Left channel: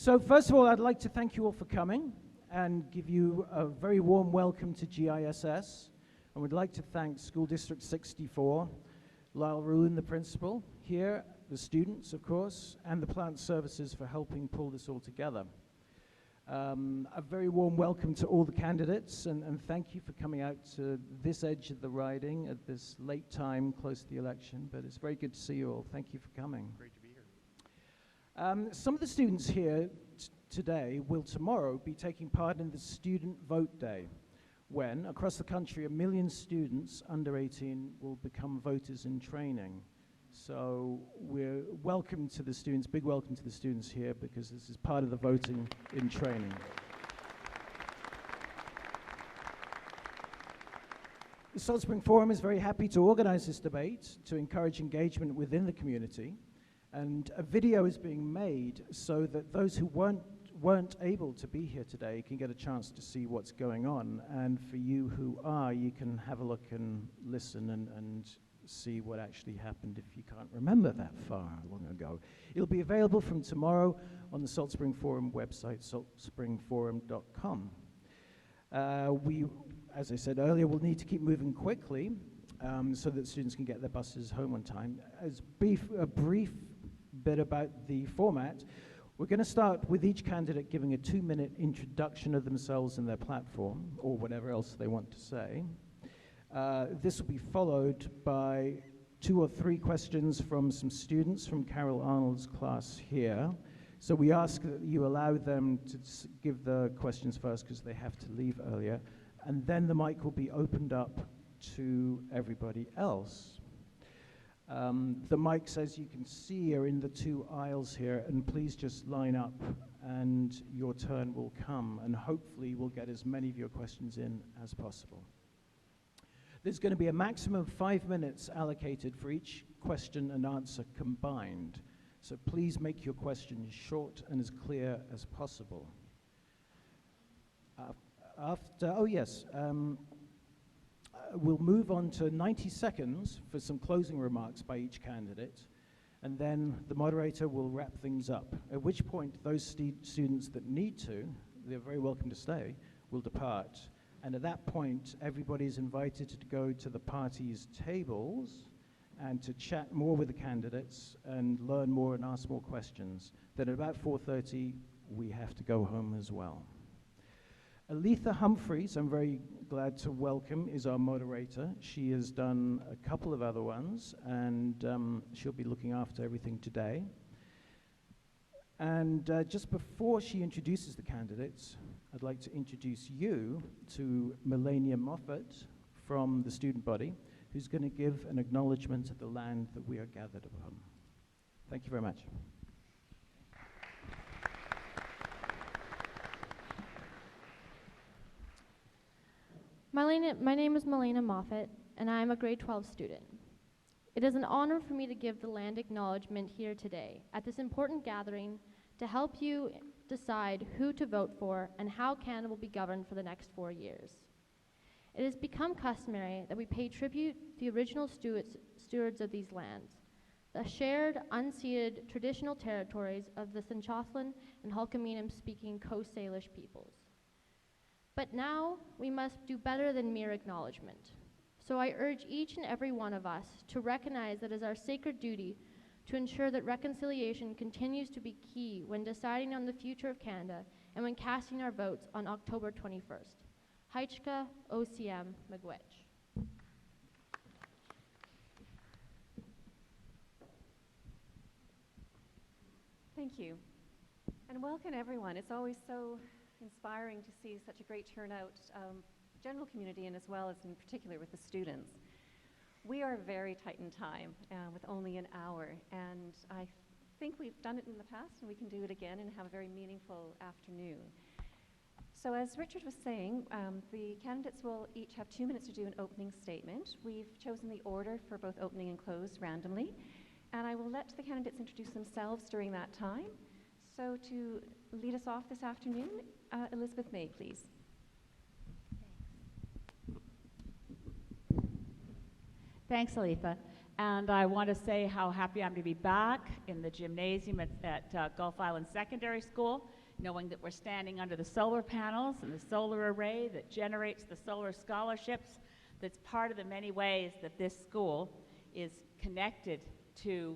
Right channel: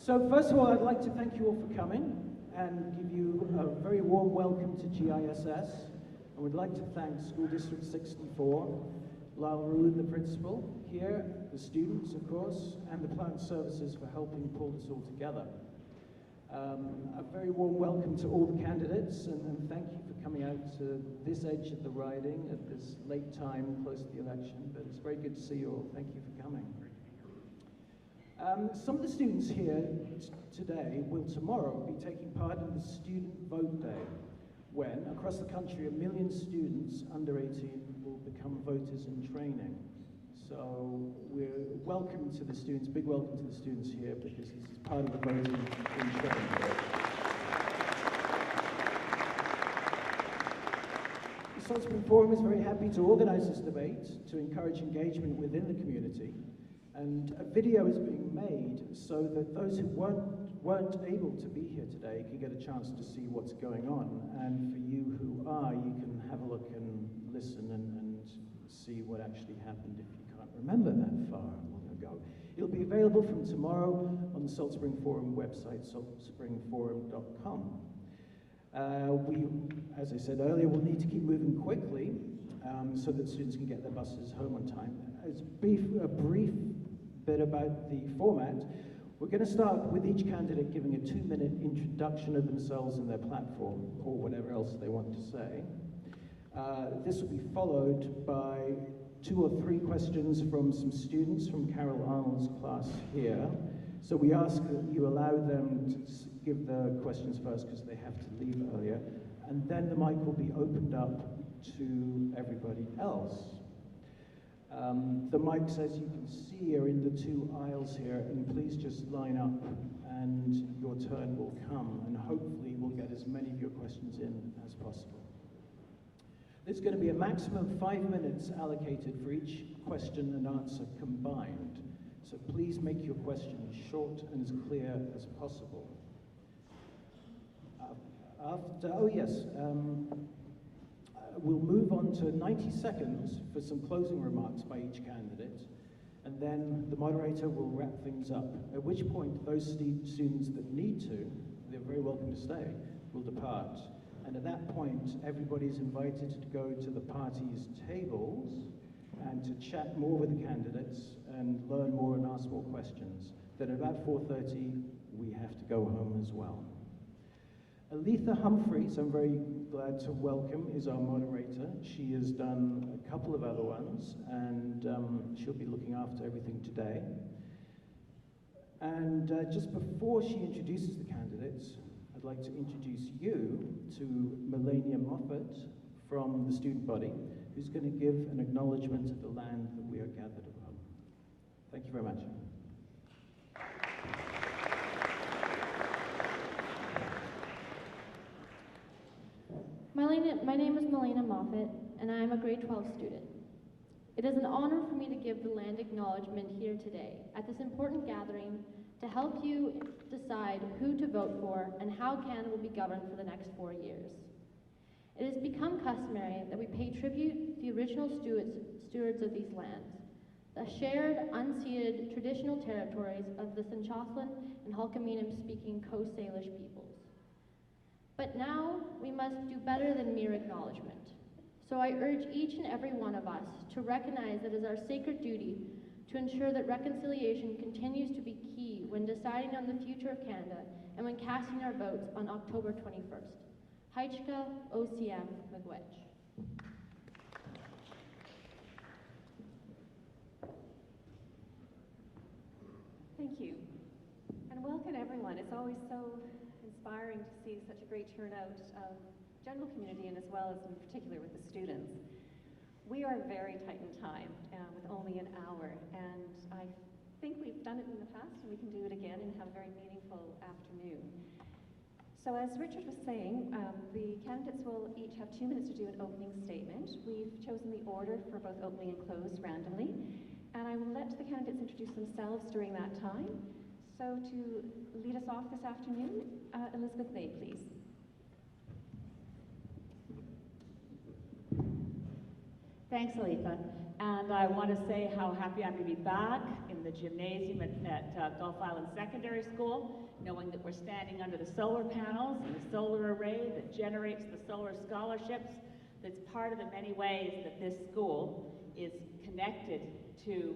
So first of all, I'd like to thank you all for coming and give you a very warm welcome to GISS. I would like to thank School District 64, Lyle Ruin, the principal, here, the students, of course, and the plant services for helping pull this all together. A very warm welcome to all the candidates, and thank you for coming out to this edge of the riding at this late time, close to the election, but it's very good to see you all. Thank you for coming. Great to be here. Some of the students here today will tomorrow be taking part in the Student Vote Day, when, across the country, 1 million students under 18 will become voters in training. So we're welcome to the students, big welcome to the students here, because this is part of the voting in training. The Salt Spring Forum is very happy to organize this debate to encourage engagement within the community. And a video is being made so that those who weren't able to be here today can get a chance to see what's going on. And for you who are, you can have a look and listen and see what actually happened if you can't remember that far long ago. It'll be available from tomorrow on the Salt Spring Forum website, saltspringforum.com. We, as I said earlier, will need to keep moving quickly so that students can get their buses home on time. As a brief bit about the format, we're going to start with each candidate giving a 2-minute introduction of themselves and their platform, or whatever else they want to say. This will be followed by 2 or 3 questions from some students from Carol Arnold's class here. So we ask that you allow them to give the questions first because they have to leave earlier, and then the mic will be opened up to everybody else. The mics, as you can see, are in the 2 aisles here, and please just line up and your turn will come, and hopefully we'll get as many of your questions in as possible. There's going to be a maximum of 5 minutes allocated for each question and answer combined, so please make your questions short and as clear as possible. We'll move on to 90 seconds for some closing remarks by each candidate, and then the moderator will wrap things up, at which point those students that need to, they're very welcome to stay, will depart. And at that point, everybody's invited to go to the party's tables and to chat more with the candidates and learn more and ask more questions. Then at about 4:30, we have to go home as well. Aletha Humphreys, I'm very glad to welcome, is our moderator. She has done a couple of other ones, and she'll be looking after everything today. And just before she introduces the candidates, I'd like to introduce you to Melania Moffat from the student body, who's going to give an acknowledgement of the land that we are gathered upon. Thank you very much. My name is Melania Moffat, and I am a grade 12 student. It is an honor for me to give the land acknowledgement here today at this important gathering to help you decide who to vote for and how Canada will be governed for the next 4 years. It has become customary that we pay tribute to the original stewards of these lands, the shared, unceded, traditional territories of the Tsimshian and Hulkaminam speaking Coast Salish peoples. But now we must do better than mere acknowledgement. So I urge each and every one of us to recognize that it is our sacred duty to ensure that reconciliation continues to be key when deciding on the future of Canada and when casting our votes on October 21st. Haichka OCM Miigwech. Thank you. And welcome everyone. It's always so inspiring to see such a great turnout of general community and as well as in particular with the students. We are very tight in time with only an hour, and I think we've done it in the past and we can do it again and have a very meaningful afternoon. So as Richard was saying, the candidates will each have 2 minutes to do an opening statement. We've chosen the order for both opening and close randomly, and I will let the candidates introduce themselves during that time. So to lead us off this afternoon, Elizabeth May, please. Thanks, Aletha. And I want to say how happy I'm to be back in the gymnasium at Gulf Island Secondary School, knowing that we're standing under the solar panels and the solar array that generates the solar scholarships. That's part of the many ways that this school is connected to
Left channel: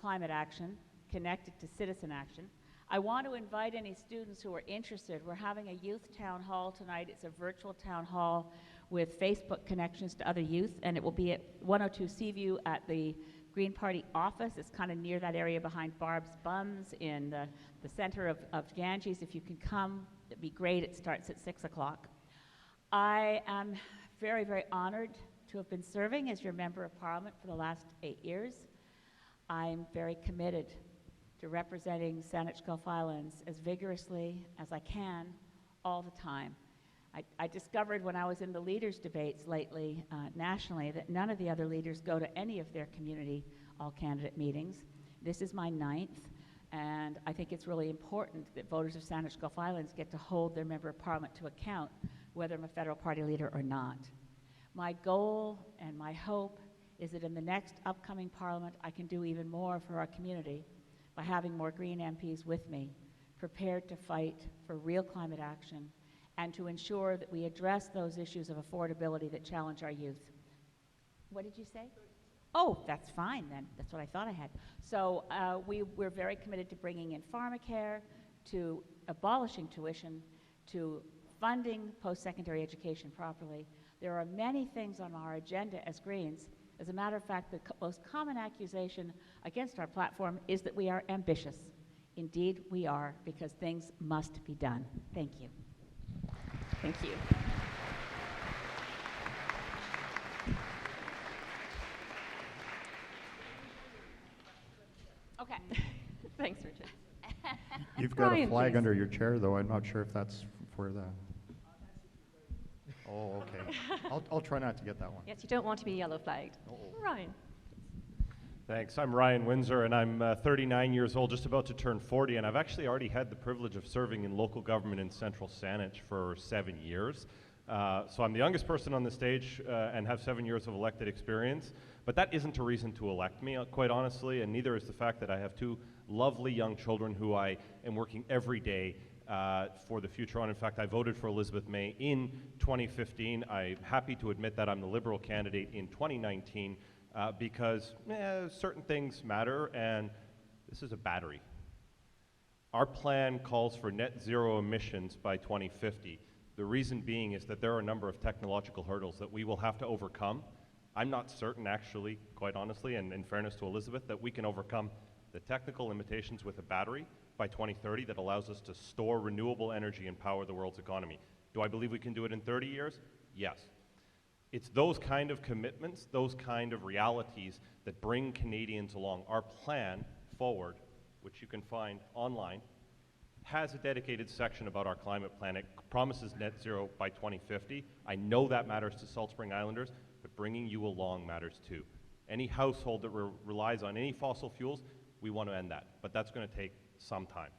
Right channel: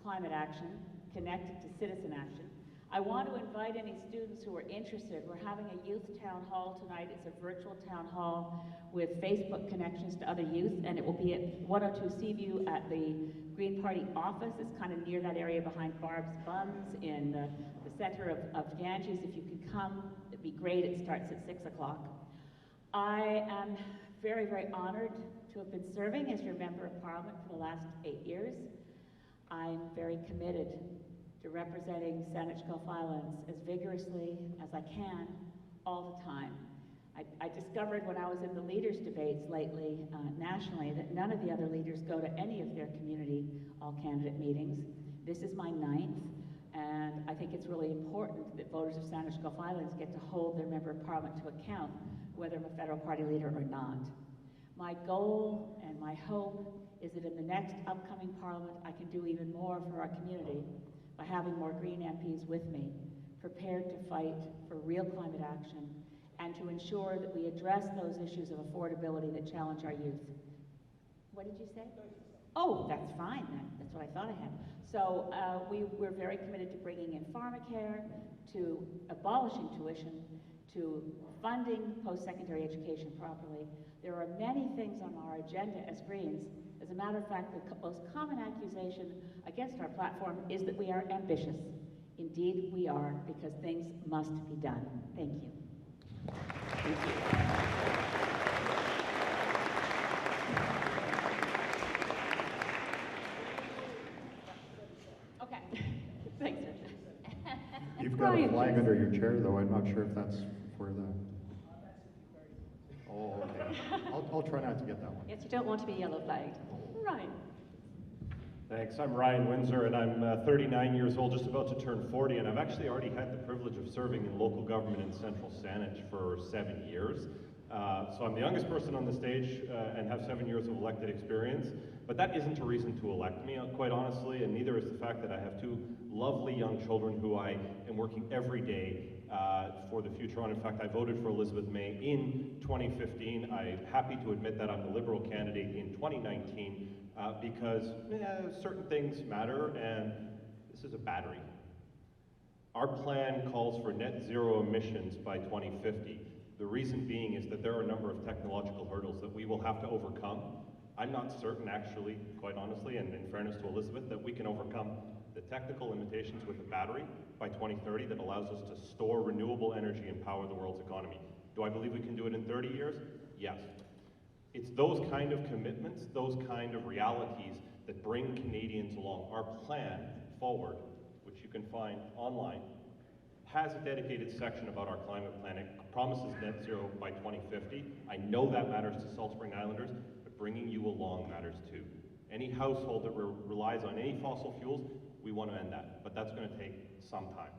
climate action, connected to citizen action. I want to invite any students who are interested. We're having a youth town hall tonight. It's a virtual town hall with Facebook connections to other youth, and it will be at 102 Seaview at the Green Party office. It's kind of near that area behind Barb's Buns in the center of Ganges. If you can come, it'd be great. It starts at 6 o'clock. I am very, very honored to have been serving as your Member of Parliament for the last 8 years. I'm very committed to representing Saanich Gulf Islands as vigorously as I can all the time. I discovered when I was in the leaders' debates lately nationally that none of the other leaders go to any of their community all-candidate meetings. This is my 9th, and I think it's really important that voters of Saanich Gulf Islands get to hold their Member of Parliament to account, whether I'm a federal party leader or not. My goal and my hope is that in the next upcoming Parliament I can do even more for our community by having more Green MPs with me, prepared to fight for real climate action and to ensure that we address those issues of affordability that challenge our youth. What did you say? Oh, that's fine then. That's what I thought I had. So we're very committed to bringing in pharmacare, to abolishing tuition, to funding post-secondary education properly. There are many things on our agenda as Greens. As a matter of fact, the most common accusation against our platform is that we are ambitious. Indeed, we are, because things must be done. Thank you. Thank you. Okay. Thanks, Richard. You've got a flag under your chair, though. I'm not sure if that's for the... Oh, okay. I'll try not to get that one. Yes, you don't want to be yellow flagged. Ryan. Thanks. I'm Ryan Windsor, and I'm 39 years old, just about to turn 40, and I've actually already had the privilege of serving in local government in central Saanich for 7 years. So I'm the youngest person on the stage and have 7 years of elected experience, but that isn't a reason to elect me, quite honestly, and neither is the fact that I have 2 lovely young children who I am working every day for the future on. In fact, I voted for Elizabeth May in 2015. I'm happy to admit that I'm the Liberal candidate in 2019 because certain things matter, and this is a battery. Our plan calls for net zero emissions by 2050. The reason being is that there are a number of technological hurdles that we will have to overcome. I'm not certain, actually, quite honestly, and in fairness to Elizabeth, that we can overcome the technical limitations with a battery by 2030 that allows us to store renewable energy and power the world's economy. Do I believe we can do it in 30 years? Yes. It's those kind of commitments, those kind of realities that bring Canadians along. Our plan forward, which you can find online, has a dedicated section about our climate plan. It promises net zero by 2050. I know that matters to Salt Spring Islanders, but bringing you along matters too. Any household that relies on any fossil fuels, we want to end that, but that's going to take some time.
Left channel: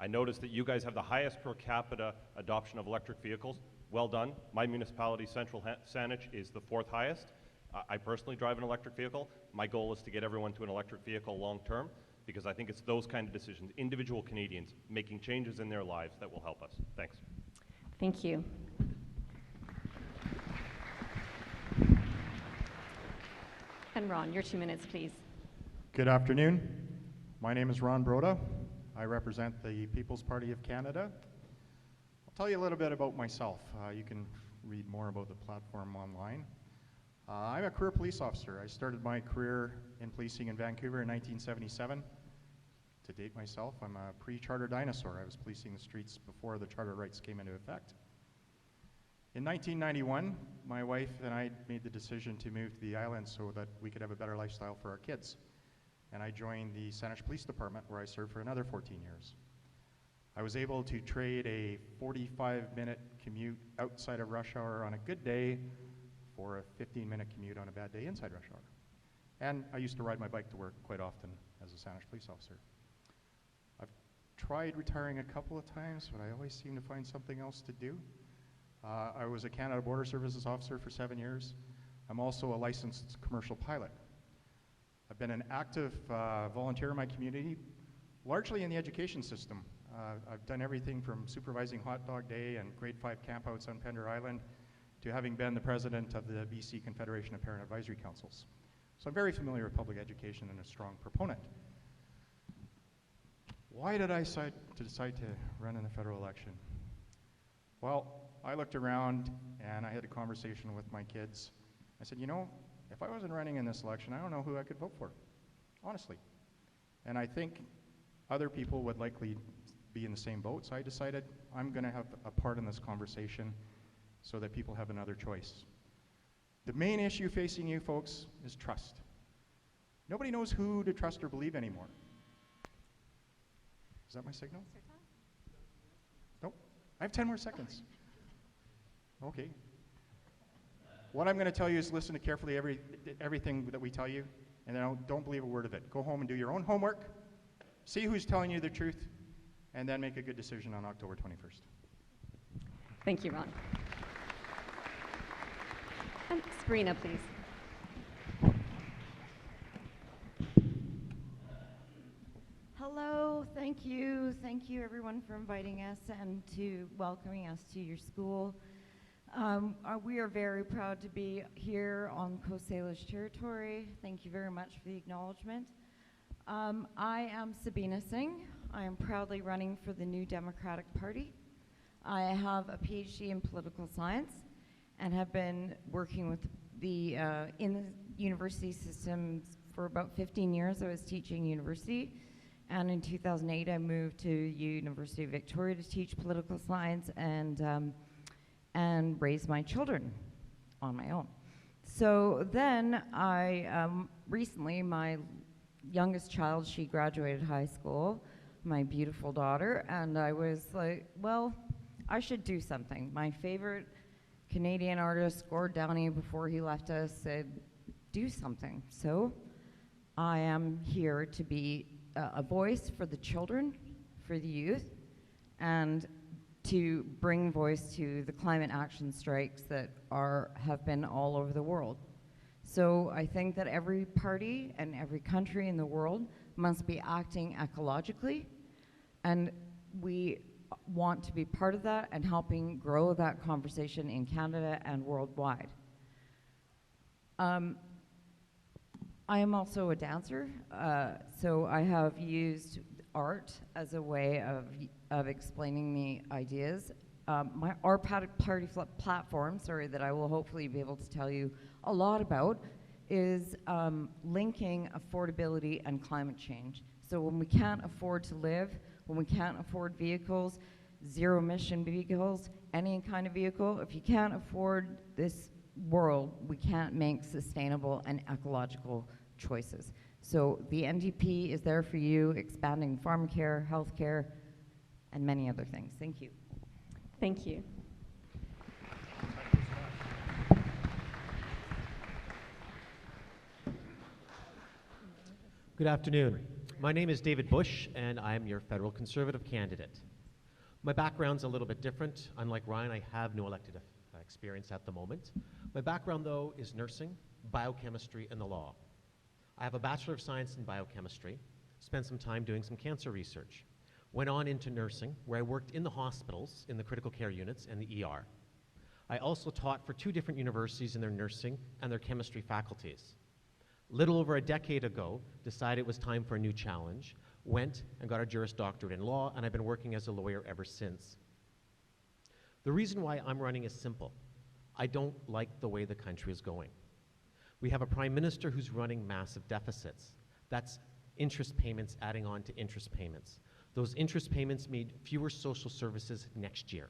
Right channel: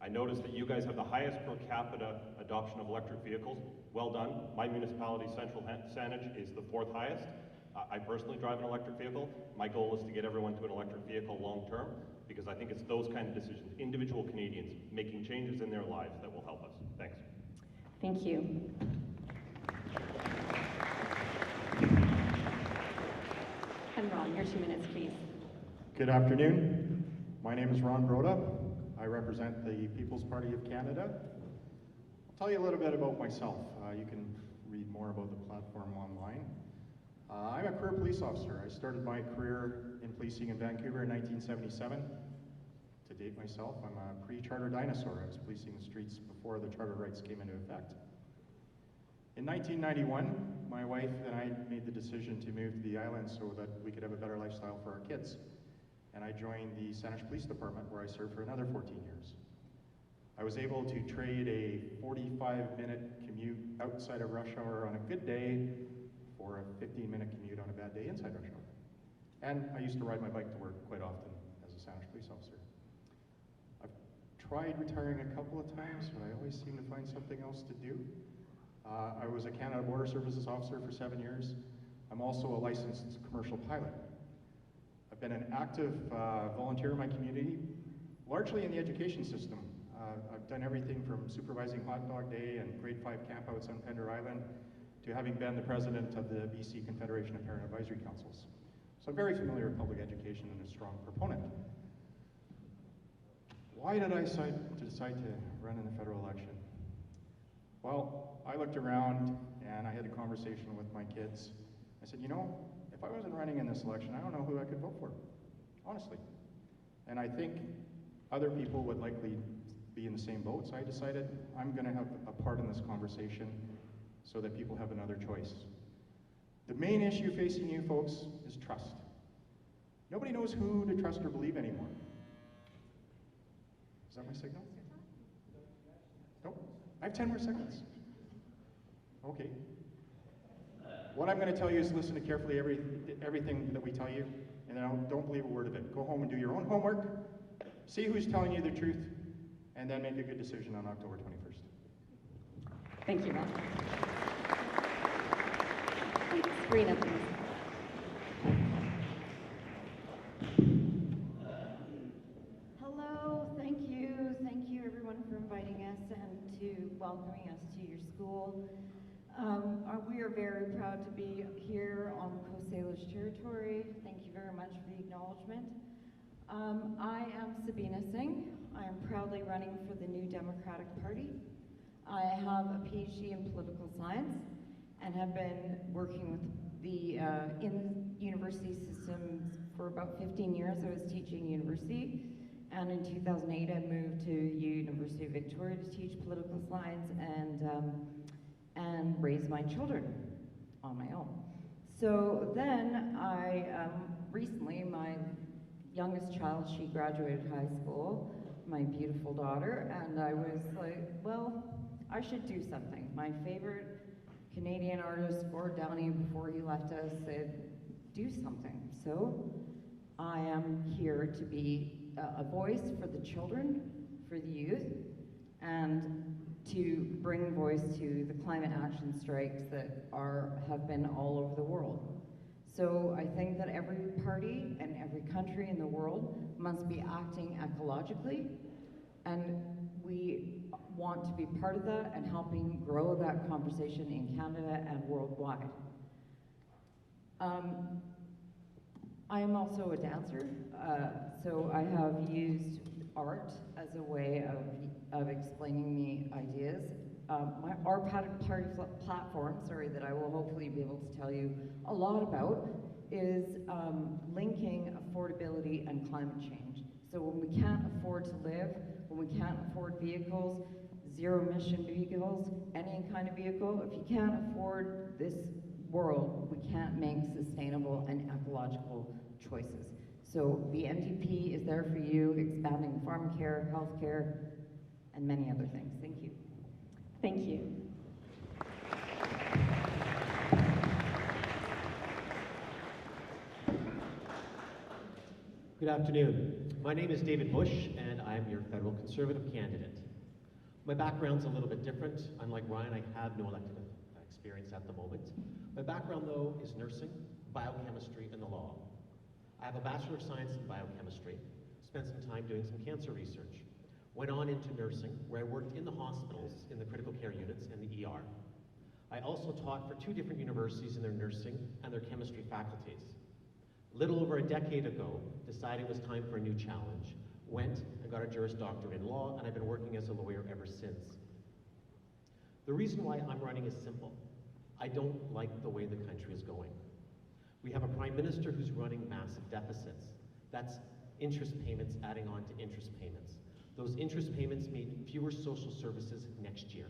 I noticed that you guys have the highest per capita adoption of electric vehicles. Well done. My municipality, Central Saanich, is the 4th highest. I personally drive an electric vehicle. My goal is to get everyone to an electric vehicle long term, because I think it's those kind of decisions, individual Canadians making changes in their lives, that will help us. Thanks. Thank you. And Ron, your 2 minutes, please. Good afternoon. My name is Ron Broda. I represent the People's Party of Canada. I'll tell you a little bit about myself. You can read more about the platform online. I'm a career police officer. I started my career in policing in Vancouver in 1977. To date myself, I'm a pre-charter dinosaur. I was policing the streets before the charter rights came into effect. In 1991, my wife and I made the decision to move to the island so that we could have a better lifestyle for our kids. And I joined the Saanich Police Department, where I served for another 14 years. I was able to trade a 45-minute commute outside of rush hour on a good day for a 15-minute commute on a bad day inside rush hour. And I used to ride my bike to work quite often as a Saanich police officer. I've tried retiring a couple of times, but I always seem to find something else to do. I was a Canada Border Services officer for 7 years. I'm also a licensed commercial pilot. I've been an active volunteer in my community, largely in the education system. I've done everything from supervising Hot Dog Day and grade 5 campouts on Pender Island to having been the president of the BC Confederation of Parent Advisory Councils. So I'm very familiar with public education and a strong proponent. Why did I decide to run in the federal election? Well, I looked around and I had a conversation with my kids. I said, you know, if I wasn't running in this election, I don't know who I could vote for, honestly. And I think other people would likely be in the same boat, so I decided I'm going to have a part in this conversation so that people have another choice. The main issue facing you folks is trust. Nobody knows who to trust or believe anymore. Is that my signal? Nope. I have 10 more seconds. Okay. What I'm going to tell you is listen to carefully everything that we tell you, and then don't believe a word of it. Go home and do your own homework, see who's telling you the truth, and then make a good decision on October 21st. Thank you, Ron. Sabrina, please. Hello, thank you everyone for inviting us and to welcoming us to your school. We are very proud to be here on Coast Salish territory. Thank you very much for the acknowledgement. I am Sabina Singh. I am proudly running for the New Democratic Party. I have a PhD in political science and have been working with in the university system for about 15 years. I was teaching university, and in 2008 I moved to University of Victoria to teach political science and raise my children on my own. So then recently my youngest child, she graduated high school, my beautiful daughter, and I was like, well, I should do something. My favorite Canadian artist, Gord Downey, before he left us, said, do something. So I am here to be a voice for the children, for the youth, and to bring voice to the climate action strikes that have been all over the world. So I think that every party and every country in the world must be acting ecologically, and we want to be part of that and helping grow that conversation in Canada and worldwide. I am also a dancer, so I have used art as a way of explaining the ideas. Our party platform, that I will hopefully be able to tell you a lot about, is linking affordability and climate change. So when we can't afford to live, when we can't afford vehicles, zero emission vehicles, any kind of vehicle, if you can't afford this world, we can't make sustainable and ecological choices. So the NDP is there for you, expanding farm care, health care, and many other things. Thank you. Thank you. Good afternoon. My name is David Bush, and I am your federal Conservative candidate. My background's a little bit different. Unlike Ryan, I have no elected experience at the moment. My background, though, is nursing, biochemistry, and the law. I have a Bachelor of Science in Biochemistry, spent some time doing some cancer research, went on into nursing, where I worked in the hospitals, in the critical care units, and the ER. I also taught for 2 different universities in their nursing and their chemistry faculties. Little over a decade ago, decided it was time for a new challenge, went and got a Juris Doctorate in law, and I've been working as a lawyer ever since. The reason why I'm running is simple. I don't like the way the country is going. We have a Prime Minister who's running massive deficits. That's interest payments adding on to interest payments. Those interest payments mean fewer social services next year.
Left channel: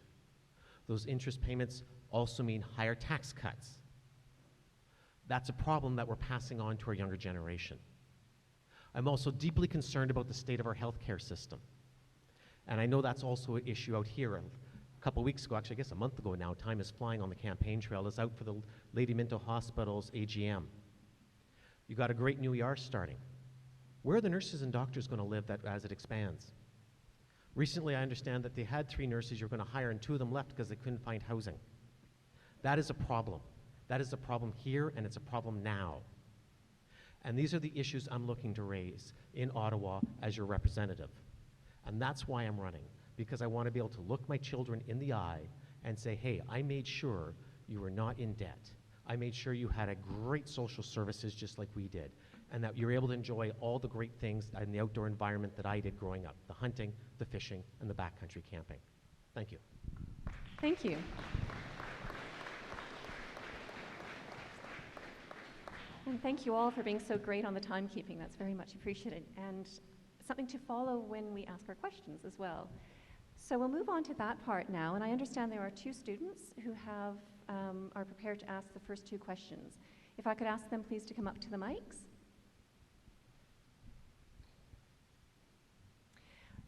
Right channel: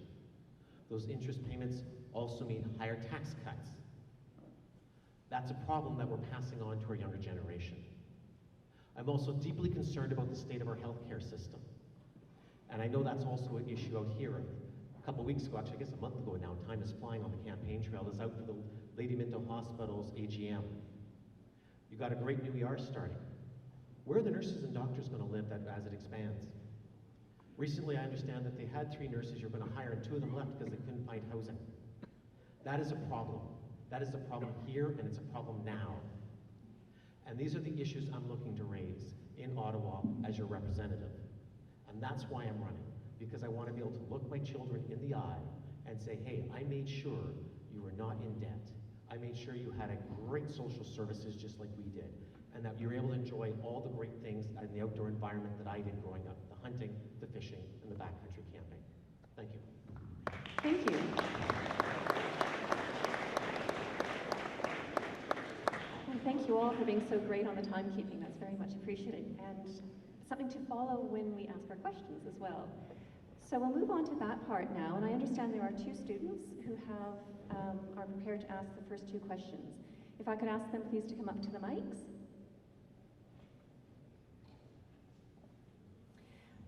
Those interest payments also mean higher tax cuts. That's a problem that we're passing on to our younger generation. I'm also deeply concerned about the state of our healthcare system. And I know that's also an issue out here. A couple weeks ago, actually I guess a month ago now, time is flying on the campaign trail, is out for the Lady Minto Hospital's AGM. You got a great new ER starting. Where are the nurses and doctors going to live as it expands? Recently, I understand that they had 3 nurses you were going to hire and 2 of them left because they couldn't find housing. That is a problem. That is a problem here, and it's a problem now. And these are the issues I'm looking to raise in Ottawa as your representative. And that's why I'm running, because I want to be able to look my children in the eye and say, hey, I made sure you were not in debt. I made sure you had a great social services just like we did, and that you're able to enjoy all the great things in the outdoor environment that I did growing up, the hunting, the fishing, and the backcountry camping. Thank you. Thank you. And thank you all for being so great on the timekeeping. That's very much appreciated. And something to follow when we ask our questions as well. So we'll move on to that part now. And I understand there are 2 students who are prepared to ask the first 2 questions. If I could ask them please to come up to the mics.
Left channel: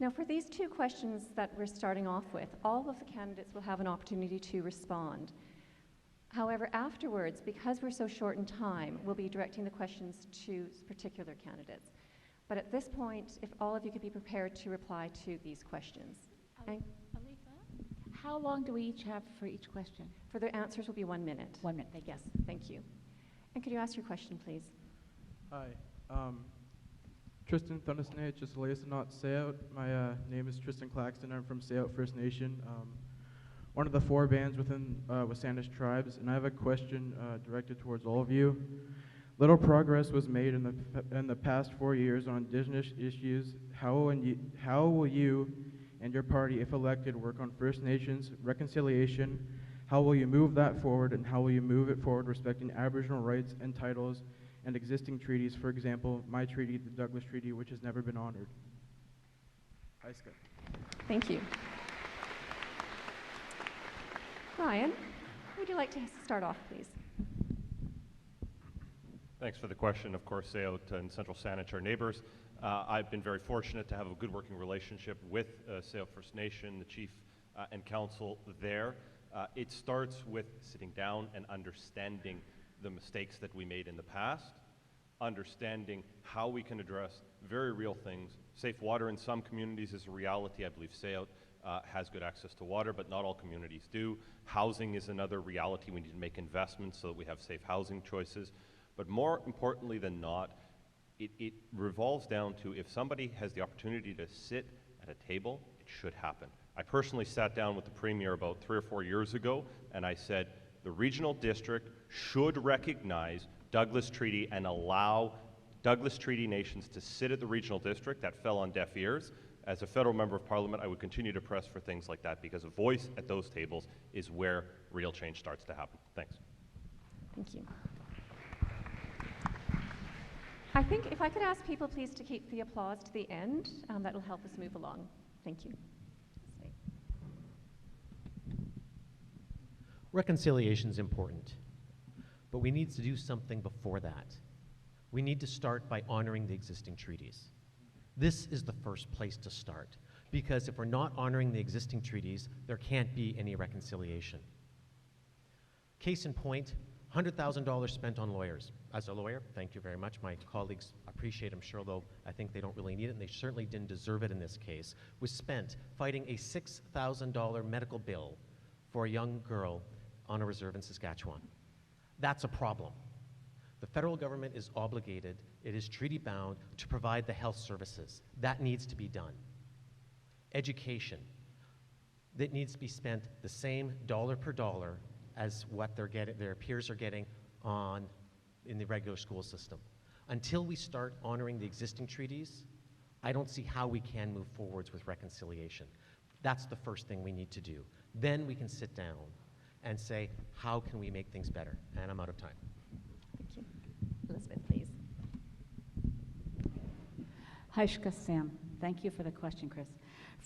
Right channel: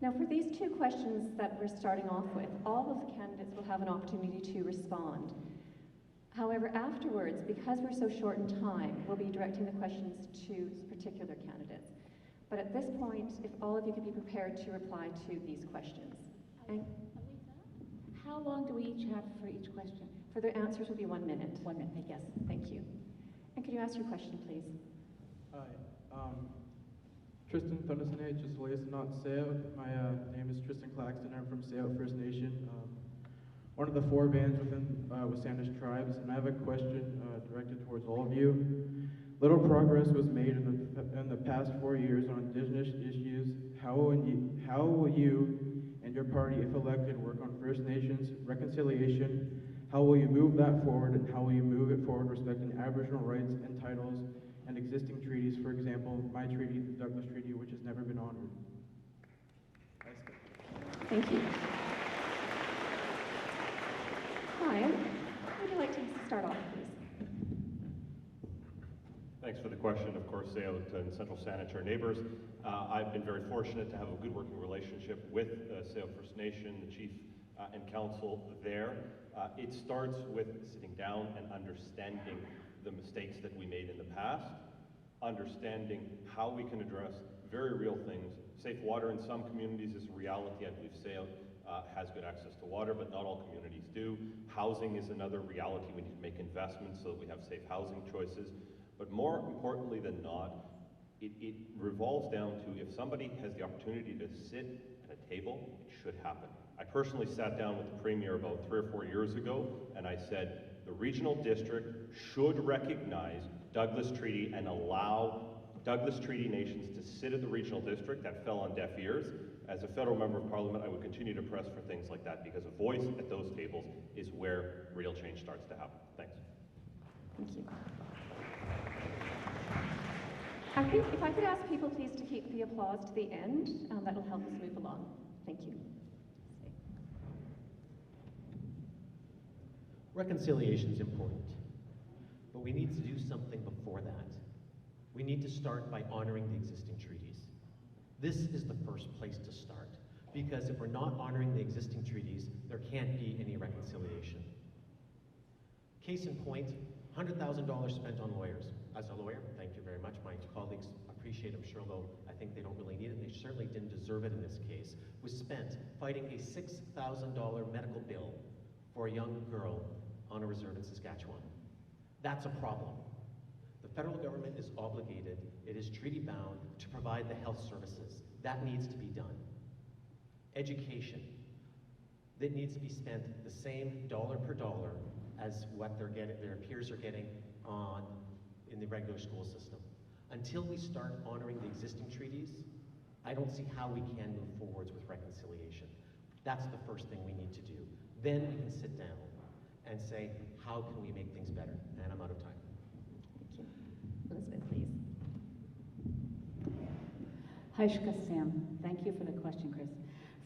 Now for these 2 questions that we're starting off with, all of the candidates will have an opportunity to respond. However, afterwards, because we're so short in time, we'll be directing the questions to particular candidates. But at this point, if all of you could be prepared to reply to these questions. Okay? Aletha, how long do we each have for each question? For their answers will be 1 minute. 1 minute, thank you. Yes, thank you. And could you ask your question, please? Hi. Tristan Thundersnay, just Aletha, not Sayout. My name is Tristan Claxton. I'm from Sayout First Nation, one of the 4 bands within with Saanich tribes, and I have a question directed towards all of you. Little progress was made in the past 4 years on Indigenous issues. How will you and your party, if elected, work on First Nations reconciliation? How will you move that forward, and how will you move it forward respecting Aboriginal rights and titles and existing treaties, for example, my treaty, the Douglas Treaty, which has never been honored? Thank you. Ryan, would you like to start off, please? Thanks for the question. Of course, Sayout and Central Saanich are neighbors. I've been very fortunate to have a good working relationship with Sayout First Nation, the chief and council there. It starts with sitting down and understanding the mistakes that we made in the past, understanding how we can address very real things. Safe water in some communities is a reality. I believe Sayout has good access to water, but not all communities do. Housing is another reality. We need to make investments so that we have safe housing choices. But more importantly than not, it revolves down to if somebody has the opportunity to sit at a table, it should happen. I personally sat down with the Premier about 3 or 4 years ago, and I said, the regional district should recognize Douglas Treaty and allow Douglas Treaty nations to sit at the regional district. That fell on deaf ears. As a federal member of parliament, I would continue to press for things like that, because a voice at those tables is where real change starts to happen. Thanks. Thank you. I think if I could ask people please to keep the applause to the end, that will help us move along. Thank you. Reconciliation is important, but we need to do something before that. We need to start by honoring the existing treaties. This is the first place to start, because if we're not honoring the existing treaties, there can't be any reconciliation. Case in point, $100,000 spent on lawyers. As a lawyer, thank you very much. My colleagues appreciate it, I'm sure, though I think they don't really need it, and they certainly didn't deserve it in this case, was spent fighting a $6,000 medical bill for a young girl on a reserve in Saskatchewan. That's a problem. The federal government is obligated, it is treaty bound, to provide the health services. That needs to be done. Education, that needs to be spent the same dollar per dollar as what their peers are getting in the regular school system. Until we start honoring the existing treaties, I don't see how we can move forwards with reconciliation. That's the first thing we need to do. Then we can sit down and say, how can we make things better? And I'm out of time. Thank you. Elizabeth, please. Hi, Sam. Thank you for the question, Chris.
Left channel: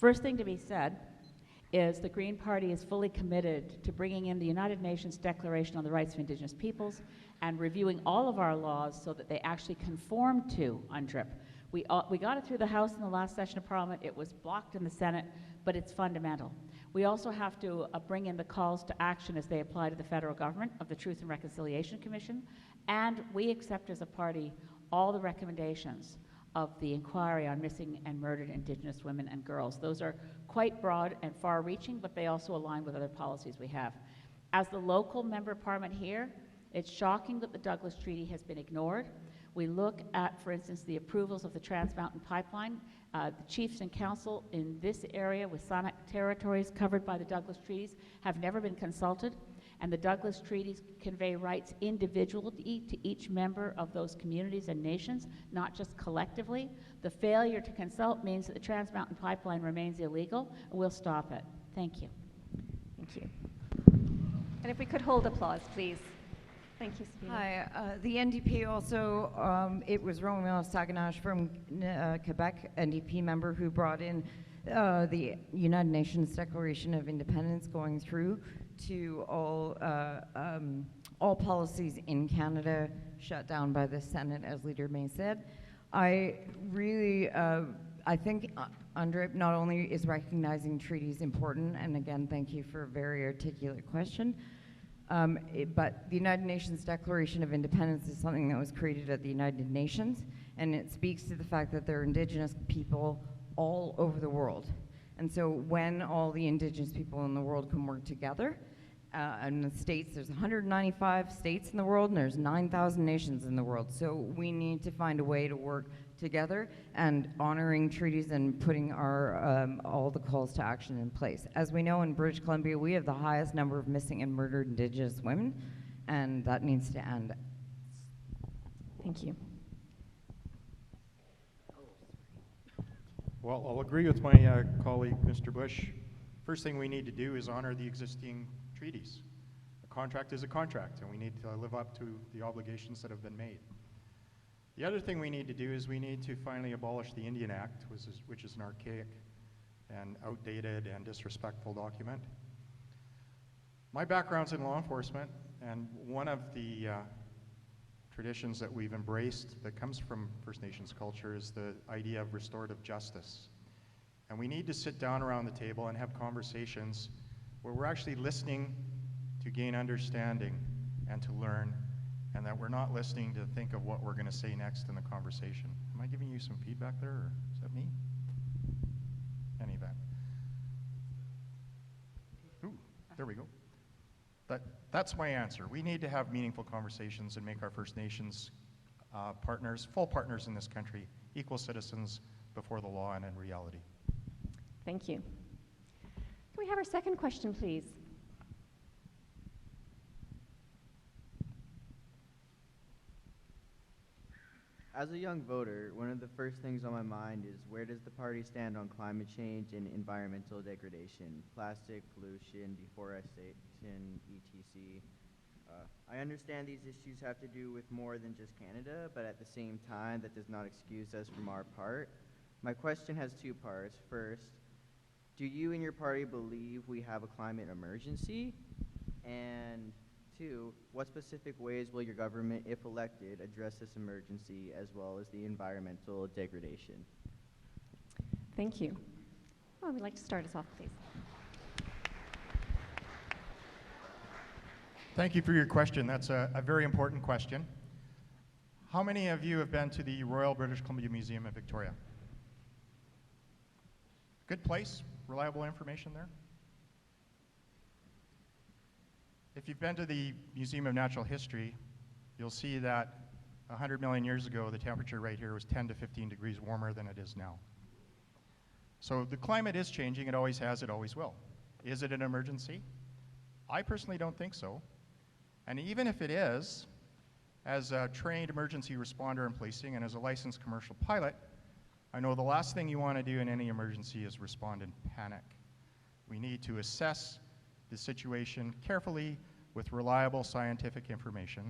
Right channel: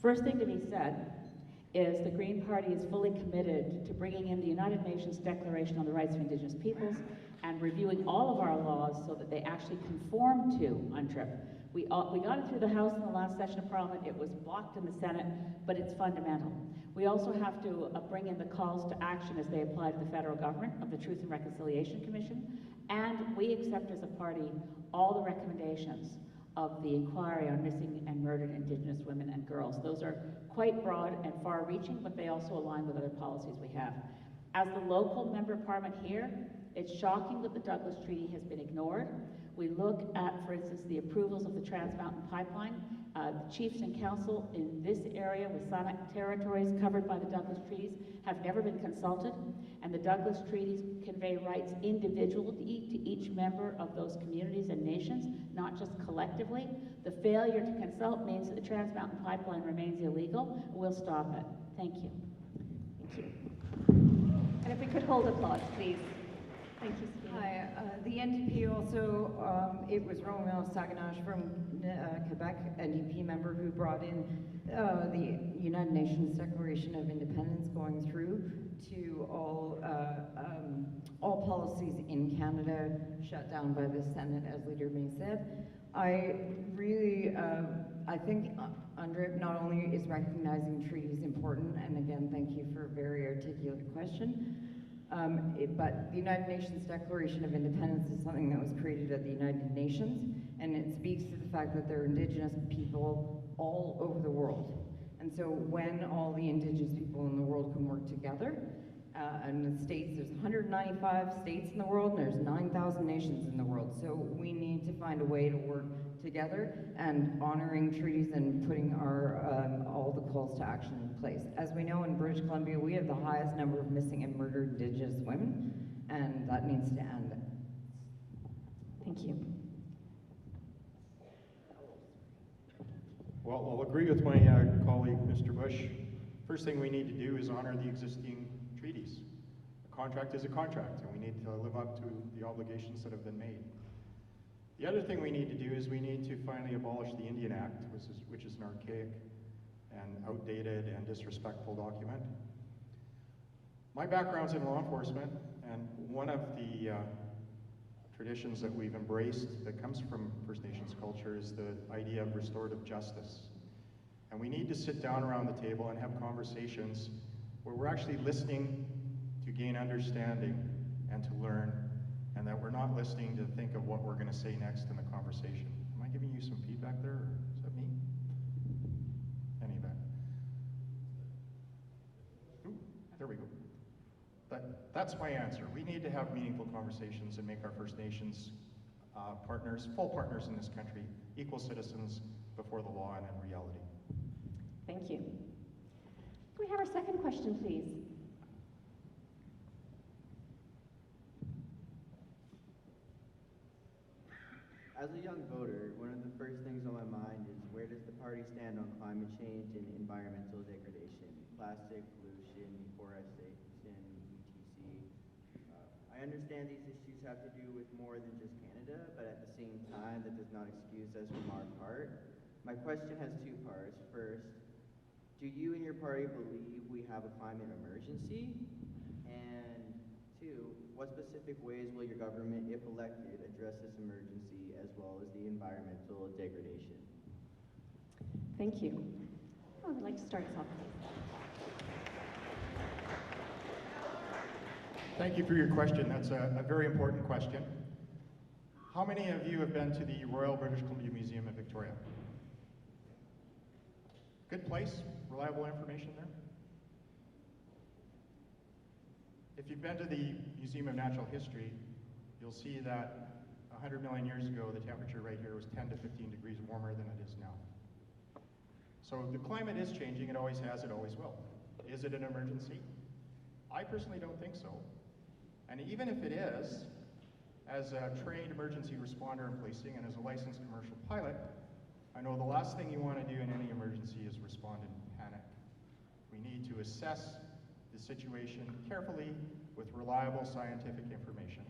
First thing to be said is the Green Party is fully committed to bringing in the United Nations Declaration on the Rights of Indigenous Peoples and reviewing all of our laws so that they actually conform to UNDRIP. We got it through the House in the last session of Parliament. It was blocked in the Senate, but it's fundamental. We also have to bring in the calls to action as they apply to the federal government of the Truth and Reconciliation Commission, and we accept as a party all the recommendations of the inquiry on missing and murdered Indigenous women and girls. Those are quite broad and far-reaching, but they also align with other policies we have. As the local member of Parliament here, It's shocking that the Douglas Treaty has been ignored. We look at, for instance, the approvals of the Trans Mountain Pipeline. The chiefs and council in this area with Saanich territories covered by the Douglas Treaties have never been consulted, and the Douglas Treaties convey rights individually to each member of those communities and nations, not just collectively. The failure to consult means that the Trans Mountain Pipeline remains illegal. We'll stop it. Thank you. Thank you. And if we could hold applause, please. Thank you, Sabina. Hi, the NDP also, it was Romeo Saanich from Quebec, NDP member, who brought in the United Nations Declaration of Independence going through to all policies in Canada shut down by the Senate, as Leader May said. I really, I think UNDRIP not only is recognizing treaties important, and again, thank you for a very articulate question, but the United Nations Declaration of Independence is something that was created at the United Nations, and it speaks to the fact that there are Indigenous people all over the world. And so when all the Indigenous people in the world can work together, and the states, there's 195 states in the world, and there's 9,000 nations in the world. So we need to find a way to work together and honoring treaties and putting our all the calls to action in place. As we know, in British Columbia, we have the highest number of missing and murdered Indigenous women, and that needs to end. Thank you. Well, I'll agree with my colleague, Mr. Bush. First thing we need to do is honor the existing treaties. A contract is a contract, and we need to live up to the obligations that have been made. The other thing we need to do is we need to finally abolish the Indian Act, which is an archaic and outdated and disrespectful document. My background's in law enforcement, and one of the traditions that we've embraced that comes from First Nations culture is the idea of restorative justice. And we need to sit down around the table and have conversations where we're actually listening to gain understanding and to learn, and that we're not listening to think of what we're going to say next in the conversation. Am I giving you some feedback there, or is that me? Any of that? Ooh, there we go. That's my answer. We need to have meaningful conversations and make our First Nations partners, full partners in this country, equal citizens before the law and in reality. Thank you. Can we have our second question, please? As a young voter, one of the first things on my mind is, where does the party stand on climate change and environmental degradation, plastic pollution, deforestation, etc.? I understand these issues have to do with more than just Canada, but at the same time, that does not excuse us from our part. My question has two parts. First, do you and your party believe we have a climate emergency? And two, what specific ways will your government, if elected, address this emergency as well as the environmental degradation? Thank you. Well, I'd like to start us off, please. Thank you for your question. That's a very important question. How many of you have been to the Royal British Columbia Museum in Victoria? Good place, reliable information there. If you've been to the Museum of Natural History, you'll see that 100 million years ago, the temperature right here was 10 to 15 degrees warmer than it is now. So the climate is changing, it always has, it always will. Is it an emergency? I personally don't think so. And even if it is, as a trained emergency responder in policing and as a licensed commercial pilot, I know the last thing you want to do in any emergency is respond in panic. We need to assess the situation carefully with reliable scientific information,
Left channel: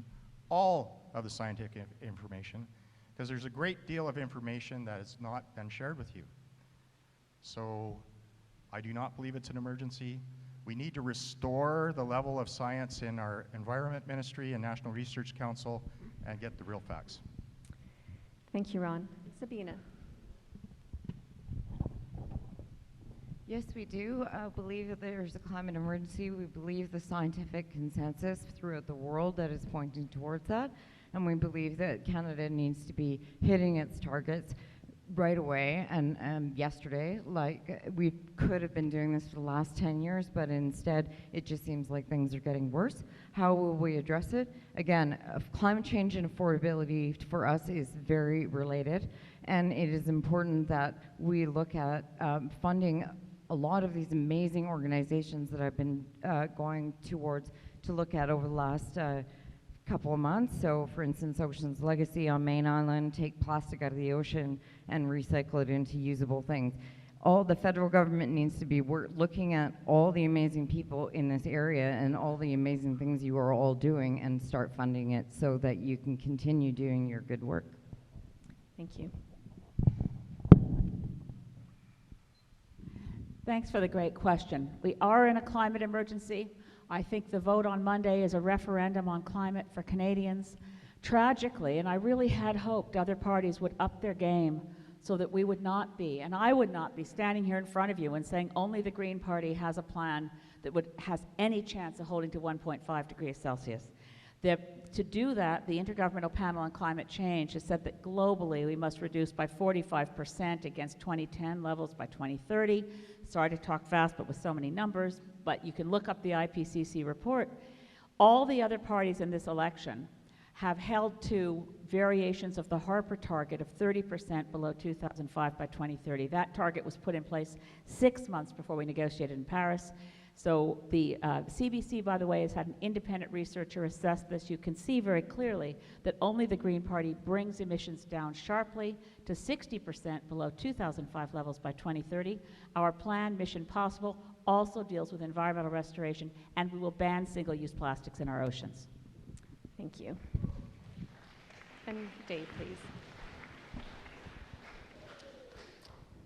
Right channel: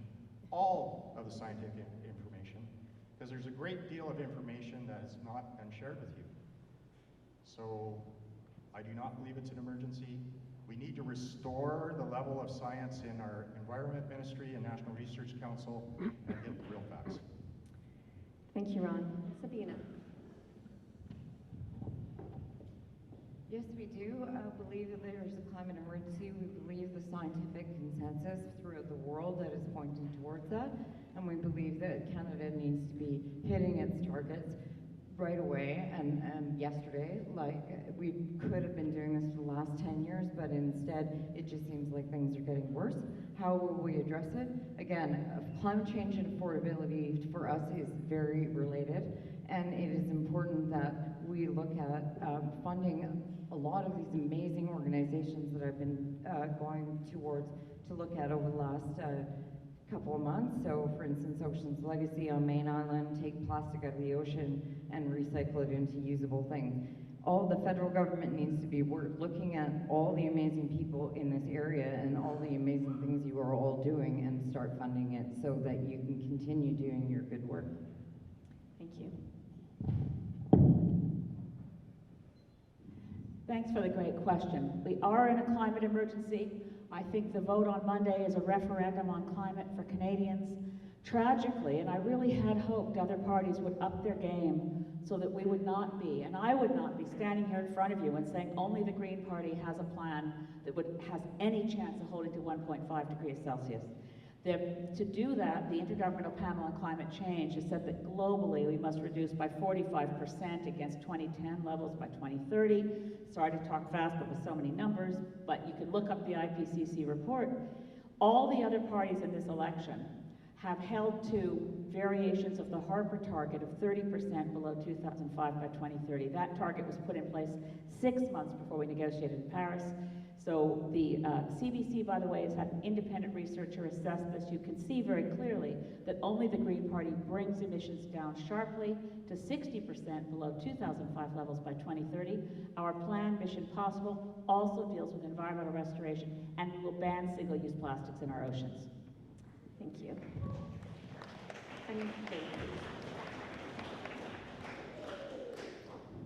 all of the scientific information, because there's a great deal of information that has not been shared with you. So I do not believe it's an emergency. We need to restore the level of science in our Environment Ministry and National Research Council and get the real facts. Thank you, Ron. Sabina. Yes, we do believe that there's a climate emergency. We believe the scientific consensus throughout the world that is pointing towards that, and we believe that Canada needs to be hitting its targets. right away and yesterday. Like, we could have been doing this for the last 10 years, but instead it just seems like things are getting worse. How will we address it? Again, climate change and affordability for us is very related, and it is important that we look at funding a lot of these amazing organizations that I've been going towards to look at over the last couple of months. So, for instance, Ocean's Legacy on Main Island, take plastic out of the ocean and recycle it into usable things. All the federal government needs to be looking at all the amazing people in this area and all the amazing things you are all doing and start funding it so that you can continue doing your good work. Thank you. Thanks for the great question. We are in a climate emergency. I think the vote on Monday is a referendum on climate for Canadians. Tragically, and I really had hoped other parties would up their game so that we would not be, and I would not be standing here in front of you and saying only the Green Party has a plan that has any chance of holding to 1.5 degrees Celsius. To do that, the Intergovernmental Panel on Climate Change has said that globally we must reduce by 45% against 2010 levels by 2030. Sorry to talk fast, but with so many numbers, but you can look up the IPCC report. All the other parties in this election have held to variations of the Harper target of 30% below 2005 by 2030. That target was put in place 6 months before we negotiated in Paris. So the CBC, by the way, has had an independent researcher assess this. You can see very clearly that only the Green Party brings emissions down sharply to 60% below 2005 levels by 2030. Our plan, Mission Possible, also deals with environmental restoration, and we will ban single-use plastics in our oceans. Thank you. And Dave,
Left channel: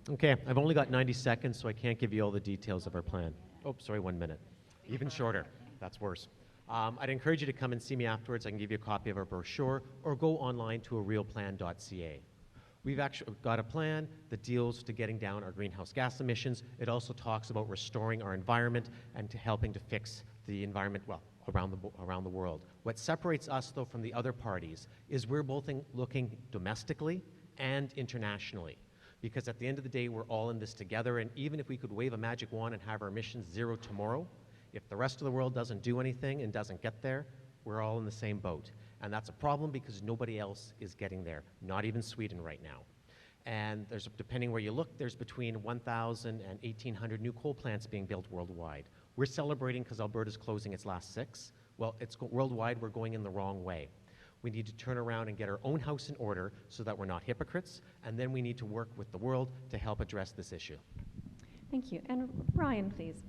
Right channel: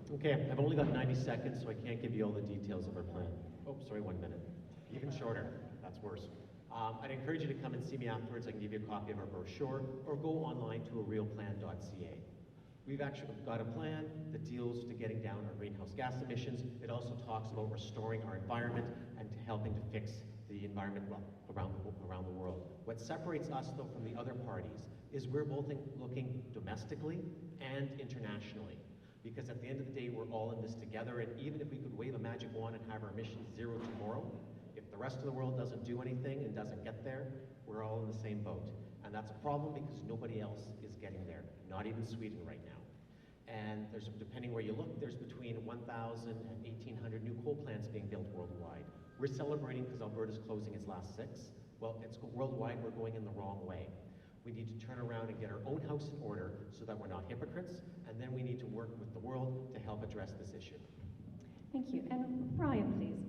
please. Okay, I've only got 90 seconds, so I can't give you all the details of our plan. Oh, sorry, 1 minute. Even shorter. That's worse. I'd encourage you to come and see me afterwards. I can give you a copy of our brochure, or go online to arealplan.ca. We've actually got a plan that deals to getting down our greenhouse gas emissions. It also talks about restoring our environment and to helping to fix the environment, well, around the world. What separates us, though, from the other parties is we're both looking domestically and internationally. Because at the end of the day, we're all in this together, and even if we could wave a magic wand and have our emissions zero tomorrow, if the rest of the world doesn't do anything and doesn't get there, we're all in the same boat. And that's a problem because nobody else is getting there, not even Sweden right now. And there's, depending where you look, there's between 1,000 and 1,800 new coal plants being built worldwide. We're celebrating because Alberta's closing its last 6. Well, worldwide, we're going in the wrong way. We need to turn around and get our own house in order so that we're not hypocrites, and then we need to work with the world to help address this issue. Thank you. And Brian, please.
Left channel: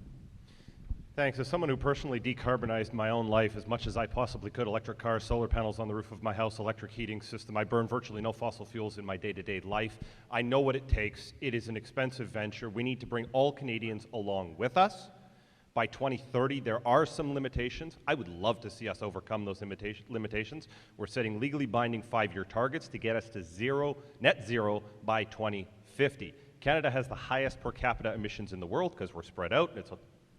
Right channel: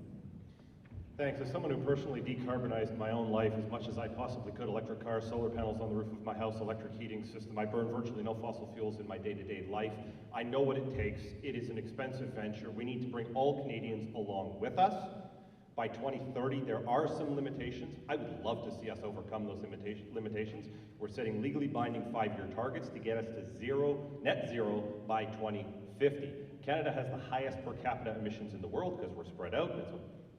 Thanks. As someone who personally decarbonized my own life as much as I possibly could, electric cars, solar panels on the roof of my house, electric heating system, I burn virtually no fossil fuels in my day-to-day life. I know what it takes. It is an expensive venture. We need to bring all Canadians along with us. By 2030, there are some limitations. I would love to see us overcome those limitations. We're setting legally binding 5-year targets to get us to net zero by 2050. Canada has the highest per capita emissions in the world because we're spread out. It's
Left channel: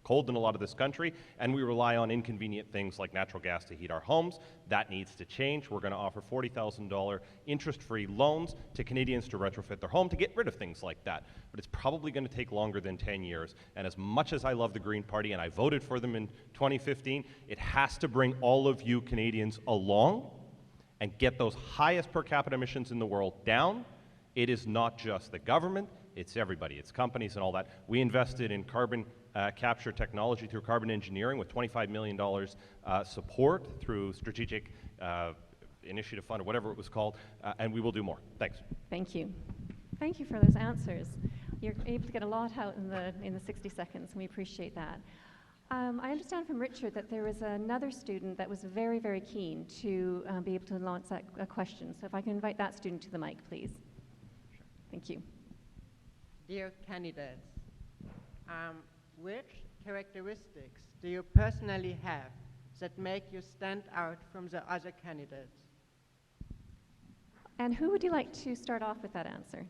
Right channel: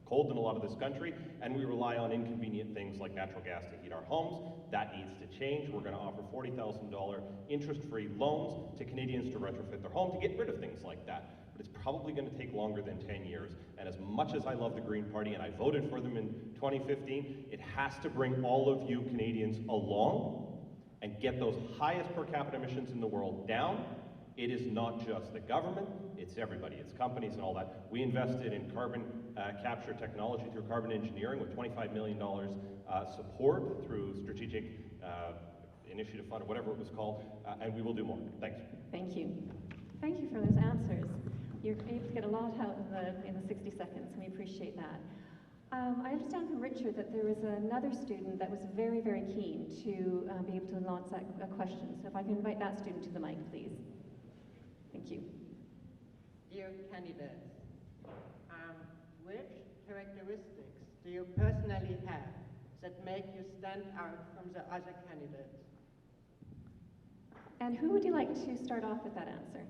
cold in a lot of this country, and we rely on inconvenient things like natural gas to heat our homes. That needs to change. We're going to offer $40,000 interest-free loans to Canadians to retrofit their home to get rid of things like that. But it's probably going to take longer than 10 years. And as much as I love the Green Party, and I voted for them in 2015, it has to bring all of you Canadians along and get those highest per capita emissions in the world down. It is not just the government, it's everybody. It's companies and all that. We invested in carbon capture technology through carbon engineering with $25 million support through Strategic Initiative Fund or whatever it was called, and we will do more. Thanks. Thank you. Thank you for those answers. You're able to get a lot out in the 60 seconds, and we appreciate that. I understand from Richard that there was another student that was very, very keen to be able to launch that question. So if I can invite that student to the mic, please. Thank you. Dear candidates, which characteristics do you personally have that make you stand out from the other candidates? And who would you like to start off with that answer?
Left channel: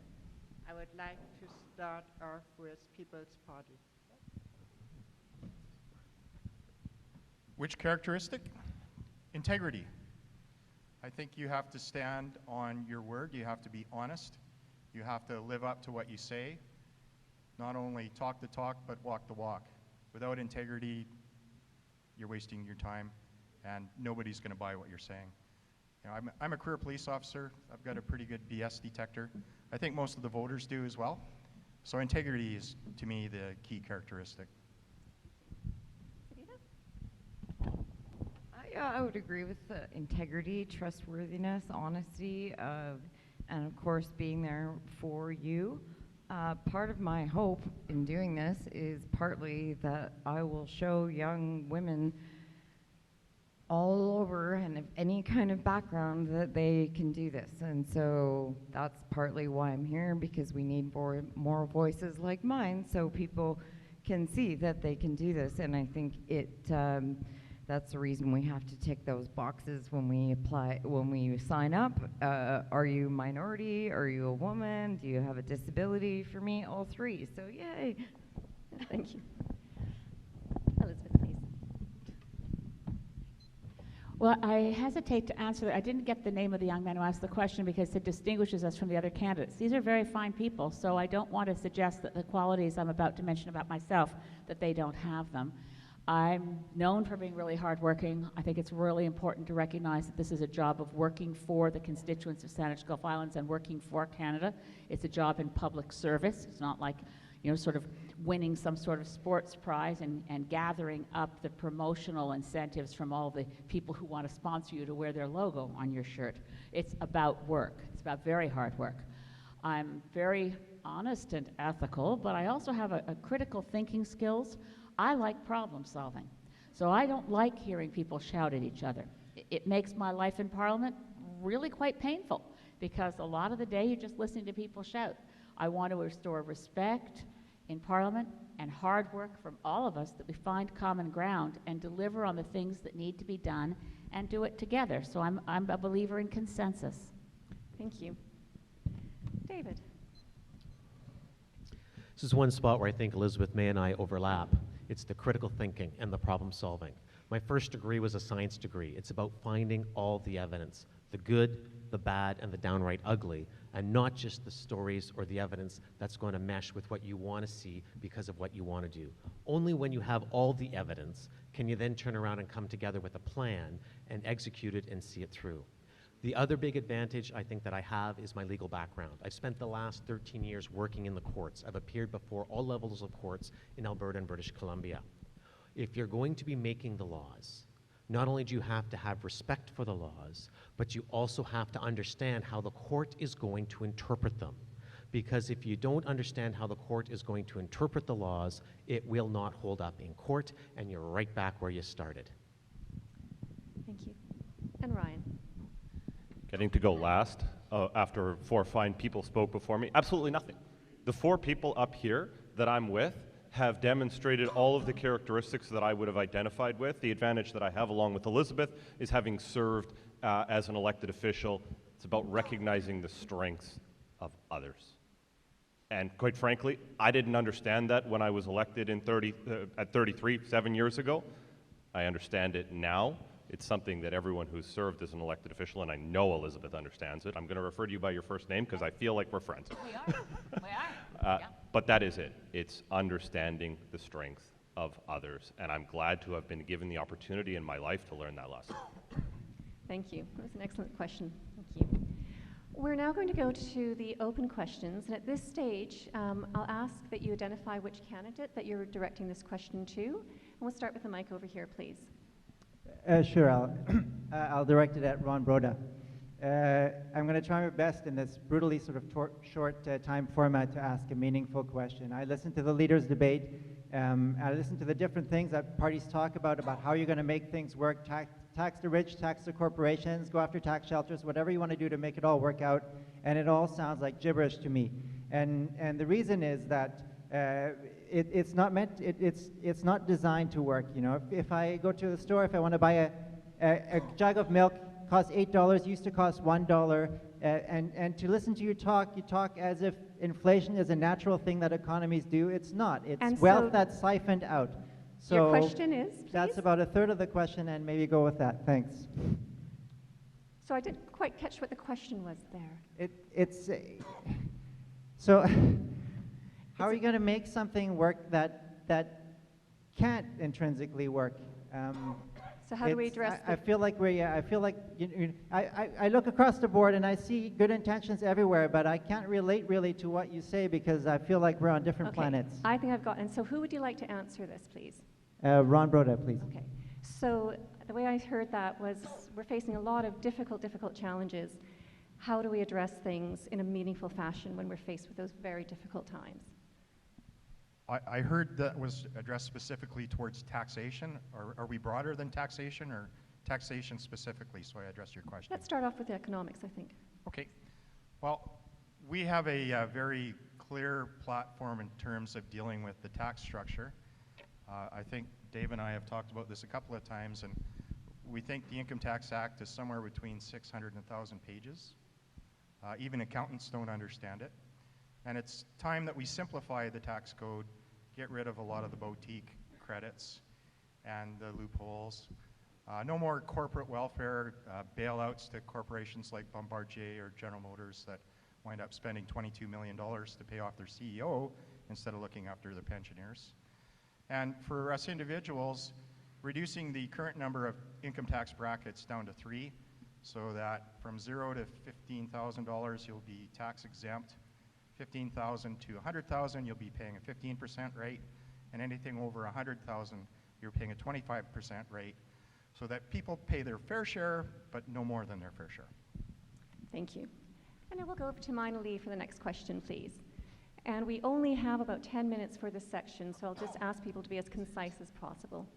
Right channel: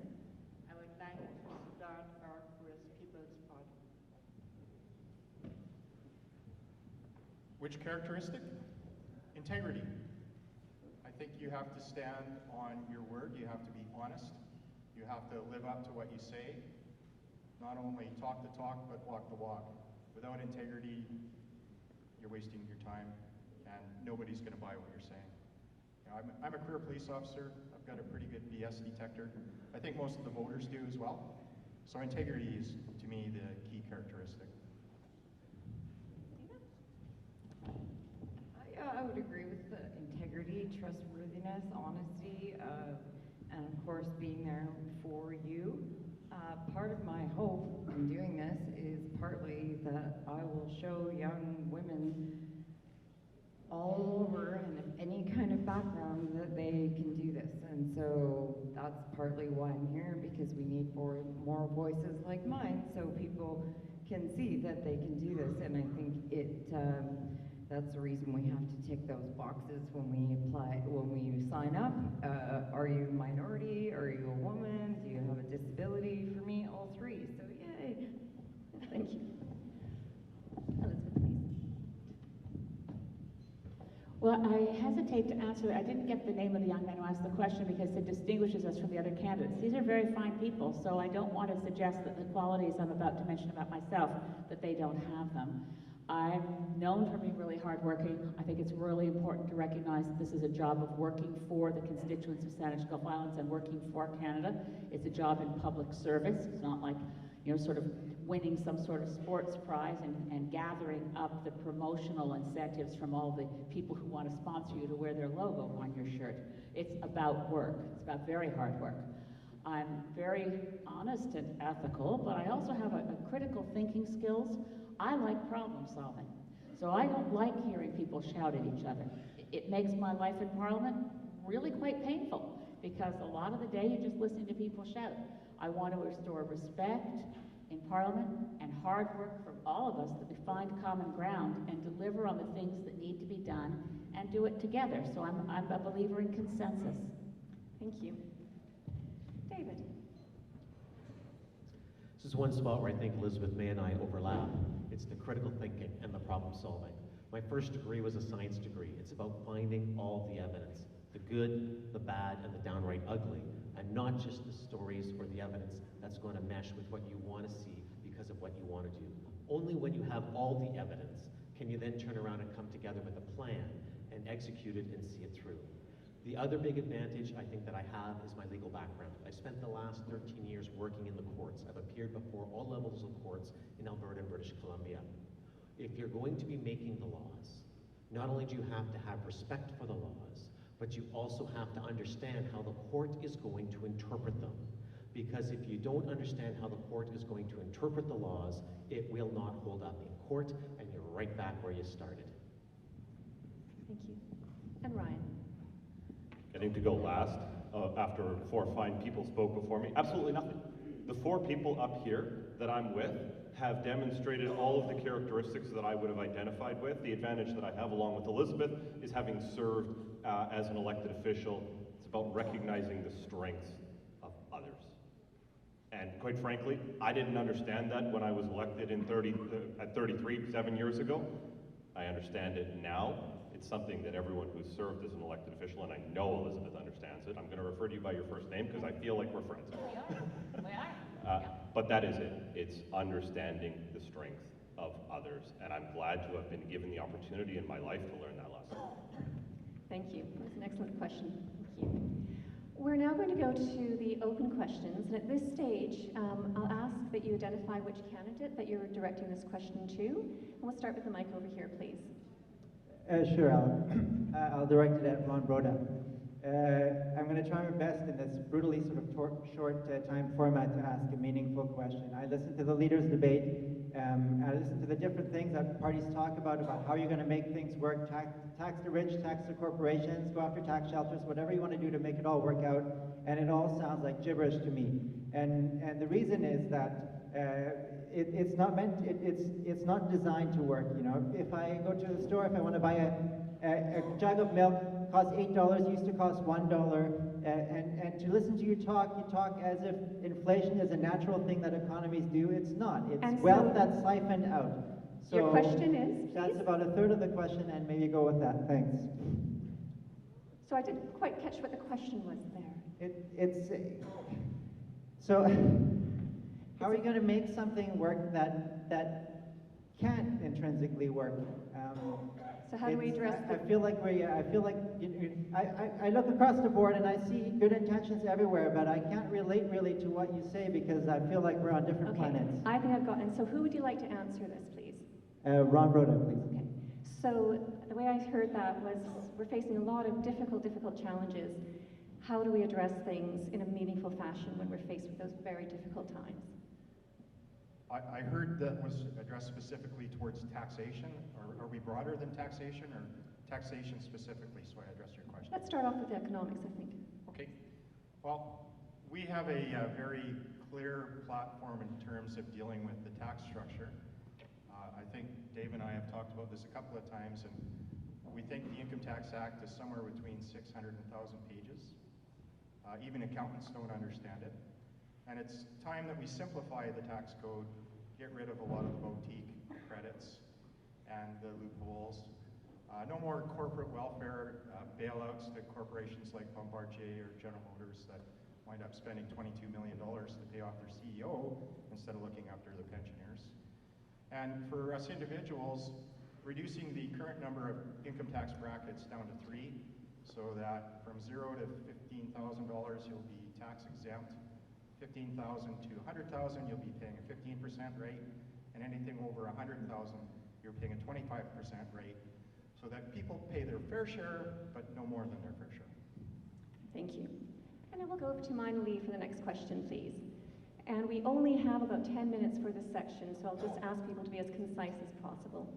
I would like to start off with People's Party. Which characteristic? Integrity. I think you have to stand on your word. You have to be honest. You have to live up to what you say, not only talk the talk, but walk the walk. Without integrity, you're wasting your time, and nobody's going to buy what you're saying. You know, I'm a career police officer. I've got a pretty good BS detector. I think most of the voters do as well. So integrity is, to me, the key characteristic. Yeah, I would agree with the integrity, trustworthiness, honesty, and of course being there for you. Part of my hope in doing this is partly that I will show young women all over and of any kind of background that they can do this. And so that's partly why I'm here, because we need more voices like mine so people can see that they can do this. And I think that's the reason we have to tick those boxes when we apply, when we sign up. Are you minority? Are you a woman? Do you have a disability? For me, all three. So yay. Thank you. Elizabeth, please. Well, I hesitate to answer that. I didn't get the name of the young man who asked the question because it distinguishes us from the other candidates. These are very fine people, so I don't want to suggest that the qualities I'm about to mention about myself, that they don't have them. I'm known for being really hardworking. I think it's really important to recognize that this is a job of working for the constituents of Saanich Gulf Islands and working for Canada. It's a job in public service. It's not like, you know, sort of winning some sort of sports prize and gathering up the promotional incentives from all the people who want to sponsor you to wear their logo on your shirt. It's about work. It's about very hard work. I'm very honest and ethical, but I also have a critical thinking skills. I like problem solving. So I don't like hearing people shout at each other. It makes my life in Parliament really quite painful because a lot of the day you're just listening to people shout. I want to restore respect in Parliament and hard work from all of us, that we find common ground and deliver on the things that need to be done and do it together. So I'm a believer in consensus. Thank you. David. This is one spot where I think Elizabeth May and I overlap. It's the critical thinking and the problem solving. My first degree was a science degree. It's about finding all the evidence, the good, the bad, and the downright ugly, and not just the stories or the evidence that's going to mesh with what you want to see because of what you want to do. Only when you have all the evidence can you then turn around and come together with a plan and execute it and see it through. The other big advantage I think that I have is my legal background. I've spent the last 13 years working in the courts. I've appeared before all levels of courts in Alberta and British Columbia. If you're going to be making the laws, not only do you have to have respect for the laws, but you also have to understand how the court is going to interpret them. Because if you don't understand how the court is going to interpret the laws, it will not hold up in court, and you're right back where you started. Thank you. And Ryan. Getting to go last after 4 fine people spoke before me. Absolutely nothing. The 4 people up here that I'm with have demonstrated all of the characteristics that I would have identified with. The advantage that I have along with Elizabeth is having served as an elected official. It's about recognizing the strengths of others. And quite frankly, I didn't understand that when I was elected at 33, 7 years ago. I understand it now. It's something that everyone who's served as an elected official, and I know Elizabeth understands it. I'm going to refer to you by your first name because I feel like we're friends. We are. But that is it. It's understanding the strength of others, and I'm glad to have been given the opportunity in my life to learn that lesson. Thank you. That was an excellent question. Thank you. We're now going to go to the open questions. And at this stage, I'll ask that you identify which candidate that you're directing this question to. And we'll start with the mic over here, please. Sure, I'll direct it at Ron Broda. I'm going to try my best in this brutally sort of short time format to ask a meaningful question. I listened to the leaders' debate. I listened to the different things that parties talk about how you're going to make things work, tax the rich, tax the corporations, go after tax shelters, whatever you want to do to make it all work out. And it all sounds like gibberish to me. And the reason is that it's not designed to work. You know, if I go to the store, if I want to buy a jug of milk, costs $8, used to cost $1, and to listen to you talk as if inflation is a natural thing that economies do. It's not. It's wealth that's siphoned out. So your question is, please? That's about a third of the question, and maybe go with that. Thanks. So I didn't quite catch what the question was there. So how are you going to make something work that can't intrinsically work? So how do we address I feel like I look across the board and I see good intentions everywhere, but I can't relate really to what you say because I feel like we're on different planets. I think I've got, and so who would you like to answer this, please? Ron Broda, please. Okay. So the way I heard that was we're facing a lot of difficult challenges. How do we address things in a meaningful fashion when we're faced with those very difficult times? I heard that was addressed specifically towards taxation. Are we broader than taxation or taxation specifically? So I addressed your question. Let's start off with economics, I think. Okay. Well, we have a very clear platform in terms of dealing with the tax structure. I think Dave and I have talked about this a couple of times, and we think the Income Tax Act is somewhere between 600 and 1,000 pages. Even accountants don't understand it. And it's time that we simplify the tax code, get rid of a lot of the boutique credits and the loopholes. No more corporate welfare bailouts to corporations like Bombardier or General Motors that wind up spending $22 million to pay off their CEO instead of looking after the pensioners. And for us individuals, reducing the current number of income tax brackets down to 3, so that from $0 to $15,000 you'll be tax exempt. 15,000 to 100,000 you'll be paying a 15% rate, and anything over 100,000 you're paying a 25% rate, so that people pay their fair share, but no more than their fair share. Thank you. And then we'll go over to Mina Lee for the next question, please. And we only have about 10 minutes for this section, so I'll just ask people to be as concise as possible.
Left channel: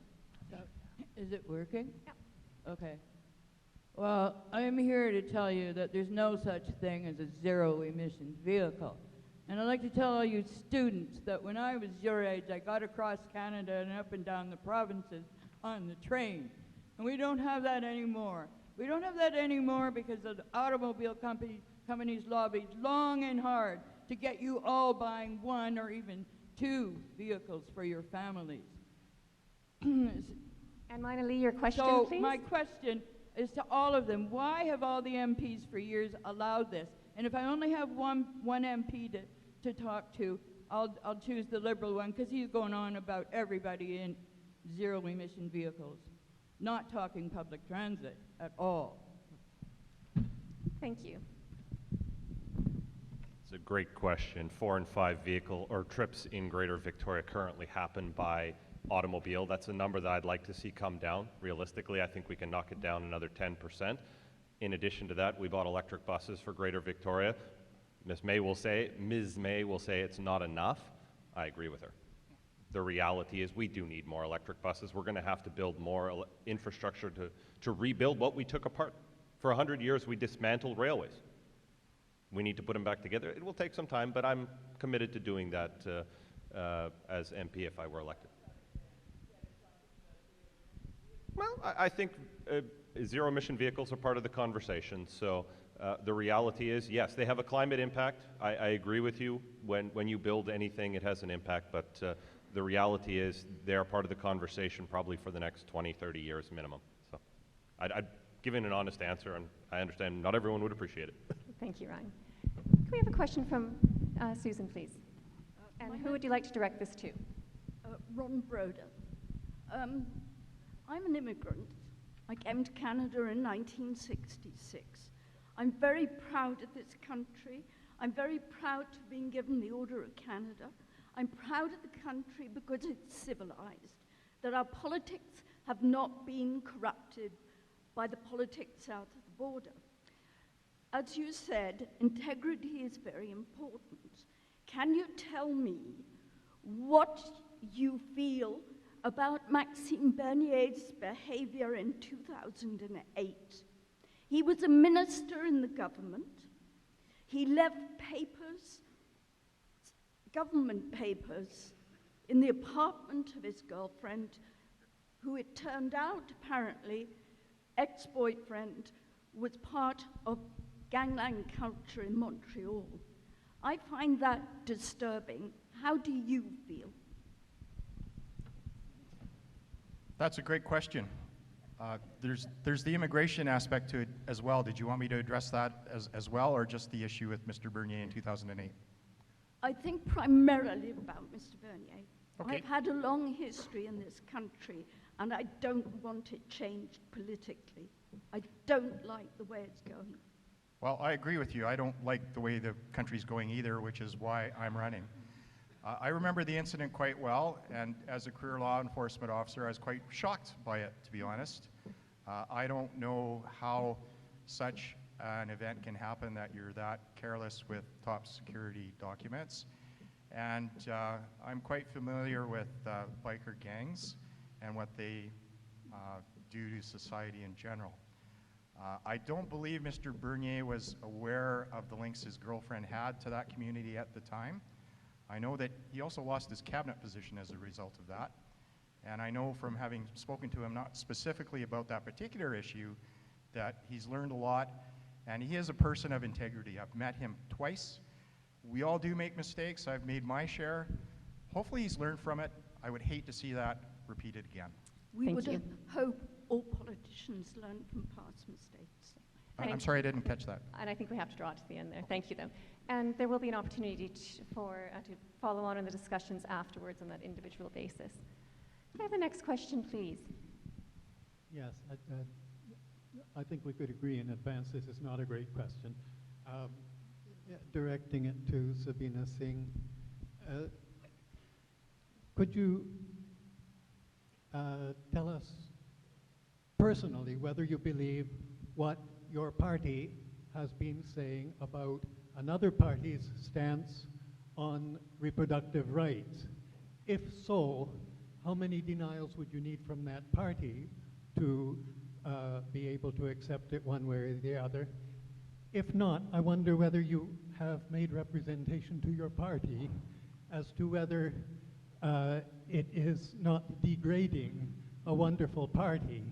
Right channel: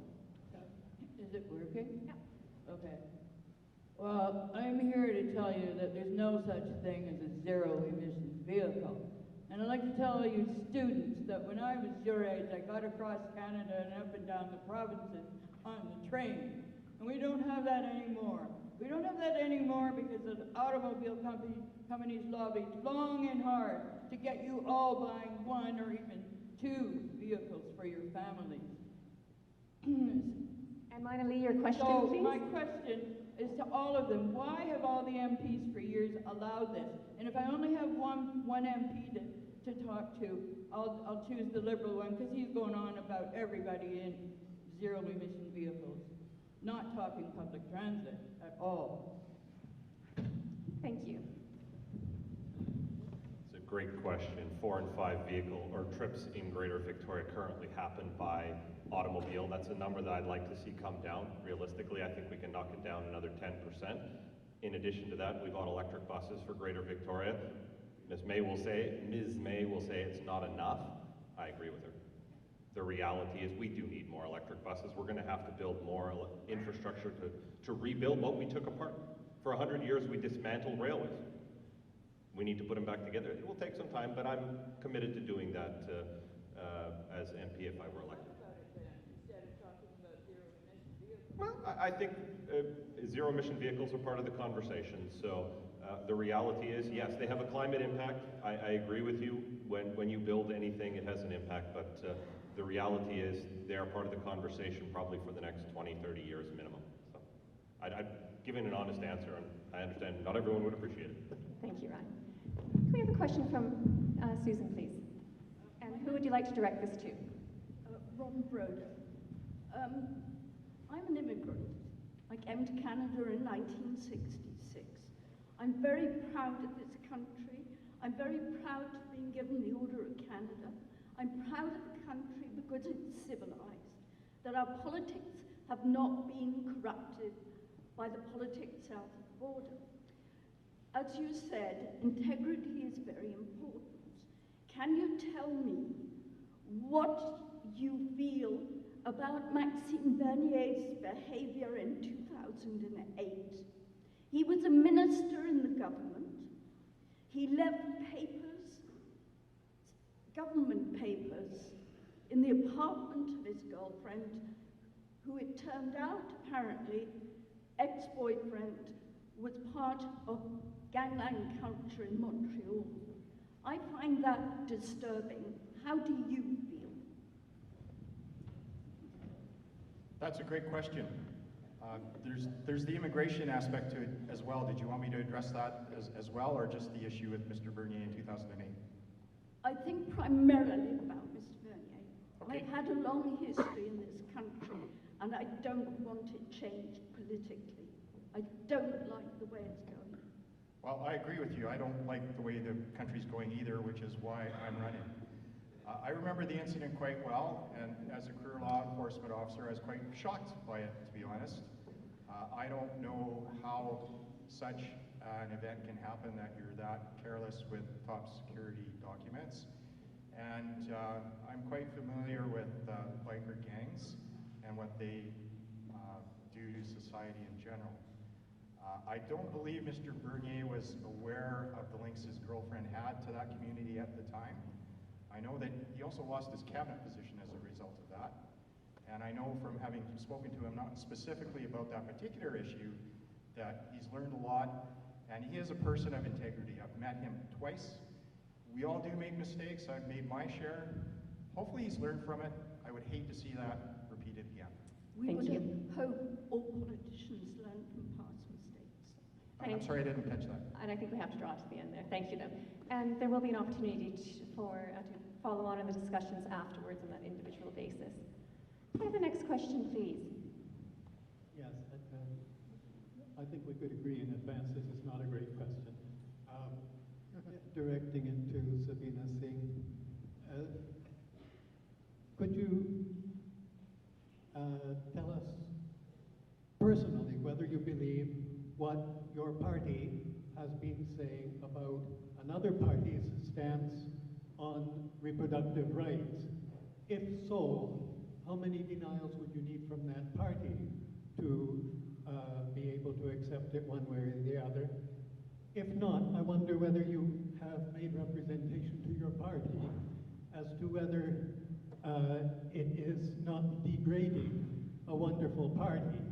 Is it working? Yeah. Okay. Well, I'm here to tell you that there's no such thing as a zero-emission vehicle. And I'd like to tell all you students that when I was your age, I got across Canada and up and down the provinces on the train. And we don't have that anymore. We don't have that anymore because the automobile companies lobbied long and hard to get you all buying 1 or even 2 vehicles for your families. And Mina Lee, your question, please? My question is to all of them. Why have all the MPs for years allowed this? And if I only have one MP to talk to, I'll choose the Liberal one because he's going on about everybody in zero-emission vehicles, not talking public transit at all. Thank you. It's a great question. 4 and 5 vehicle or trips in Greater Victoria currently happen by automobile. That's a number that I'd like to see come down. Realistically, I think we can knock it down another 10%. In addition to that, we bought electric buses for Greater Victoria. Ms. May will say it's not enough. I agree with her. The reality is we do need more electric buses. We're going to have to build more infrastructure to rebuild what we took apart. For 100 years, we dismantled railways. We need to put them back together. It will take some time, but I'm committed to doing that as MP if I were elected. Well, I think zero-emission vehicles are part of the conversation. So the reality is, yes, they have a climate impact. I agree with you. When you build anything, it has an impact. But the reality is they are part of the conversation probably for the next 20, 30 years minimum. So I'd give an honest answer, and I understand not everyone would appreciate it. Thank you, Ryan. Can we have a question from Susan, please? And who would you like to direct this to? Ron Broda. I'm an immigrant. I came to Canada in 1966. I'm very proud of this country. I'm very proud to have been given the Order of Canada. I'm proud of the country because it's civilized, that our politics have not been corrupted by the politics south of the border. As you said, integrity is very important. Can you tell me what you feel about Maxime Bernier's behavior in 2008? He was a minister in the government. He left papers, government papers, in the apartment of his girlfriend, who it turned out, apparently, ex-boyfriend, was part of gangland culture in Montreal. I find that disturbing. How do you feel? That's a great question. There's the immigration aspect to it as well. Did you want me to address that as well, or just the issue with Mr. Bernier in 2008? I think primarily about Mr. Bernier. Okay. I've had a long history in this country, and I don't want it changed politically. I don't like the way it's going. Well, I agree with you. I don't like the way the country's going either, which is why I'm running. I remember the incident quite well, and as a career law enforcement officer, I was quite shocked by it, to be honest. I don't know how such an event can happen, that you're that careless with top security documents. And I'm quite familiar with biker gangs and what they do to society in general. I don't believe Mr. Bernier was aware of the links his girlfriend had to that community at the time. I know that he also lost his cabinet position as a result of that. And I know from having spoken to him, not specifically about that particular issue, that he's learned a lot, and he is a person of integrity. I've met him twice. We all do make mistakes. I've made my share. Hopefully he's learned from it. I would hate to see that repeated again. We would hope all politicians learn from past mistakes. I'm sorry, I didn't catch that. And I think we have to draw to the end there. Thank you, then. And there will be an opportunity to follow on in the discussions afterwards on that individual basis. Can I have the next question, please? Yes, I think we could agree in advance this is not a great question. Directing it to Sabina Singh, could you tell us personally whether you believe what your party has been saying about another party's stance on reproductive rights? If so, how many denials would you need from that party to be able to accept it one way or the other? If not, I wonder whether you have made representation to your party as to whether it is not degrading a wonderful party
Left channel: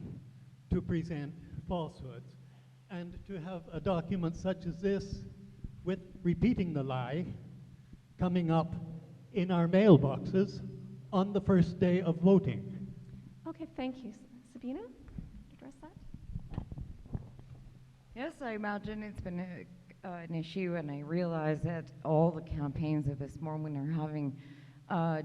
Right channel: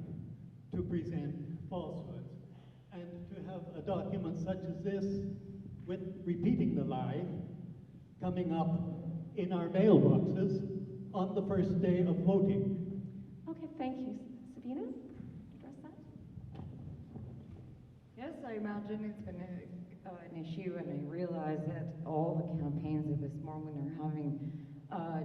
to present falsehoods, and to have a document such as this with repeating the lie coming up in our mailboxes on the first day of voting. Okay, thank you. Sabina, address that? Yes, I imagine it's been an issue, and I realize that all the campaigns at this moment are having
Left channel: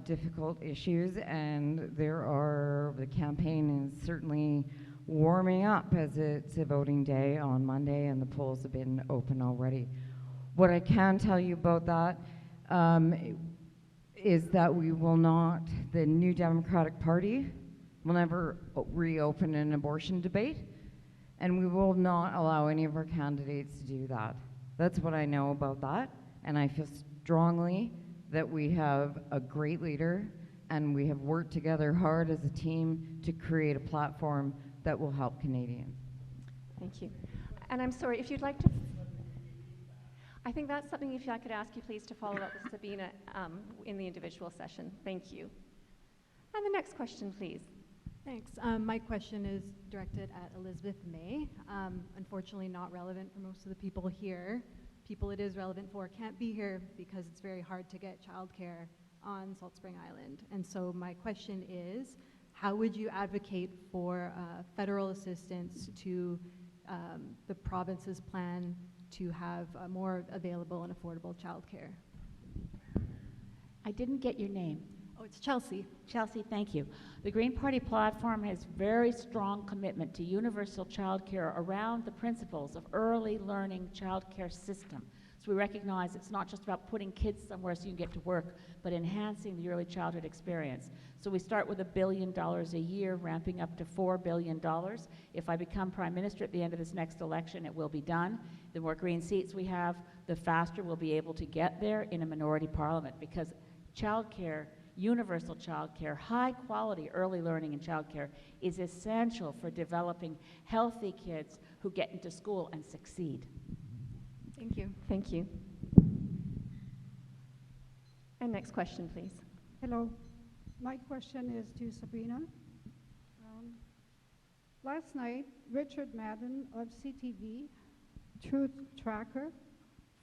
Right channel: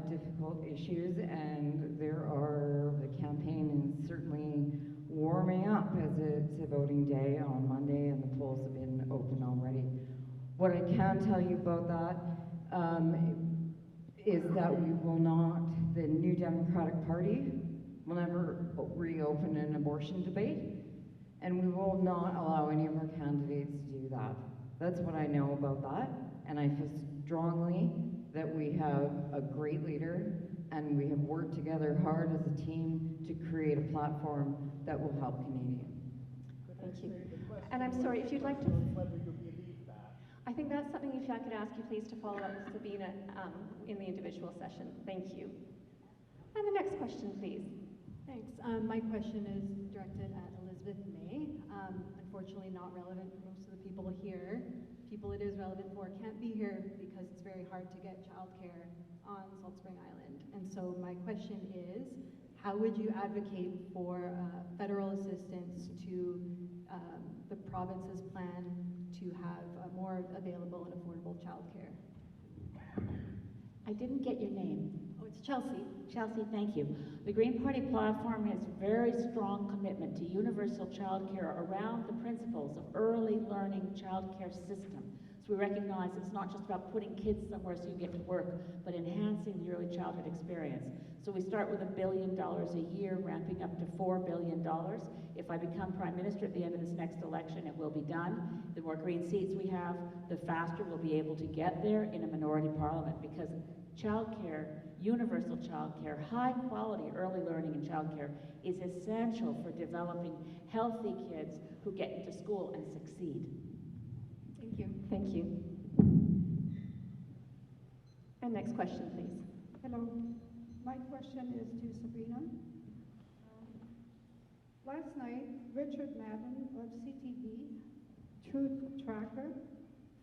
difficult issues, and the campaign is certainly warming up as it's a voting day on Monday, and the polls have been open already. What I can tell you about that is that the New Democratic Party will never reopen an abortion debate, and we will not allow any of our candidates to do that. That's what I know about that, and I feel strongly that we have a great leader, and we have worked together hard as a team to create a platform that will help Canadians. Thank you. And I'm sorry, if you'd like to... I think that's something, if I could ask you please to follow up with Sabina in the individual session. Thank you. And the next question, please. Thanks. My question is directed at Elizabeth May. Unfortunately not relevant for most of the people here. People it is relevant for can't be here because it's very hard to get childcare on Salt Spring Island. And so my question is, how would you advocate for federal assistance to the province's plan to have more available and affordable childcare? I didn't get your name. Oh, it's Chelsea. Chelsea, thank you. The Green Party platform has very strong commitment to universal childcare around the principles of early learning childcare system. So we recognize it's not just about putting kids somewhere so you get to work, but enhancing the early childhood experience. So we start with $1 billion a year, ramping up to $4 billion. If I become Prime Minister at the end of this next election, it will be done. The more green seats we have, the faster we'll be able to get there in a minority parliament, because childcare, universal childcare, high quality early learning in childcare is essential for developing healthy kids who get into school and succeed. Thank you. Thank you. And next question, please. Hello. My question is to Sabina. Last night, Richard Madden of CTV, Truth Tracker,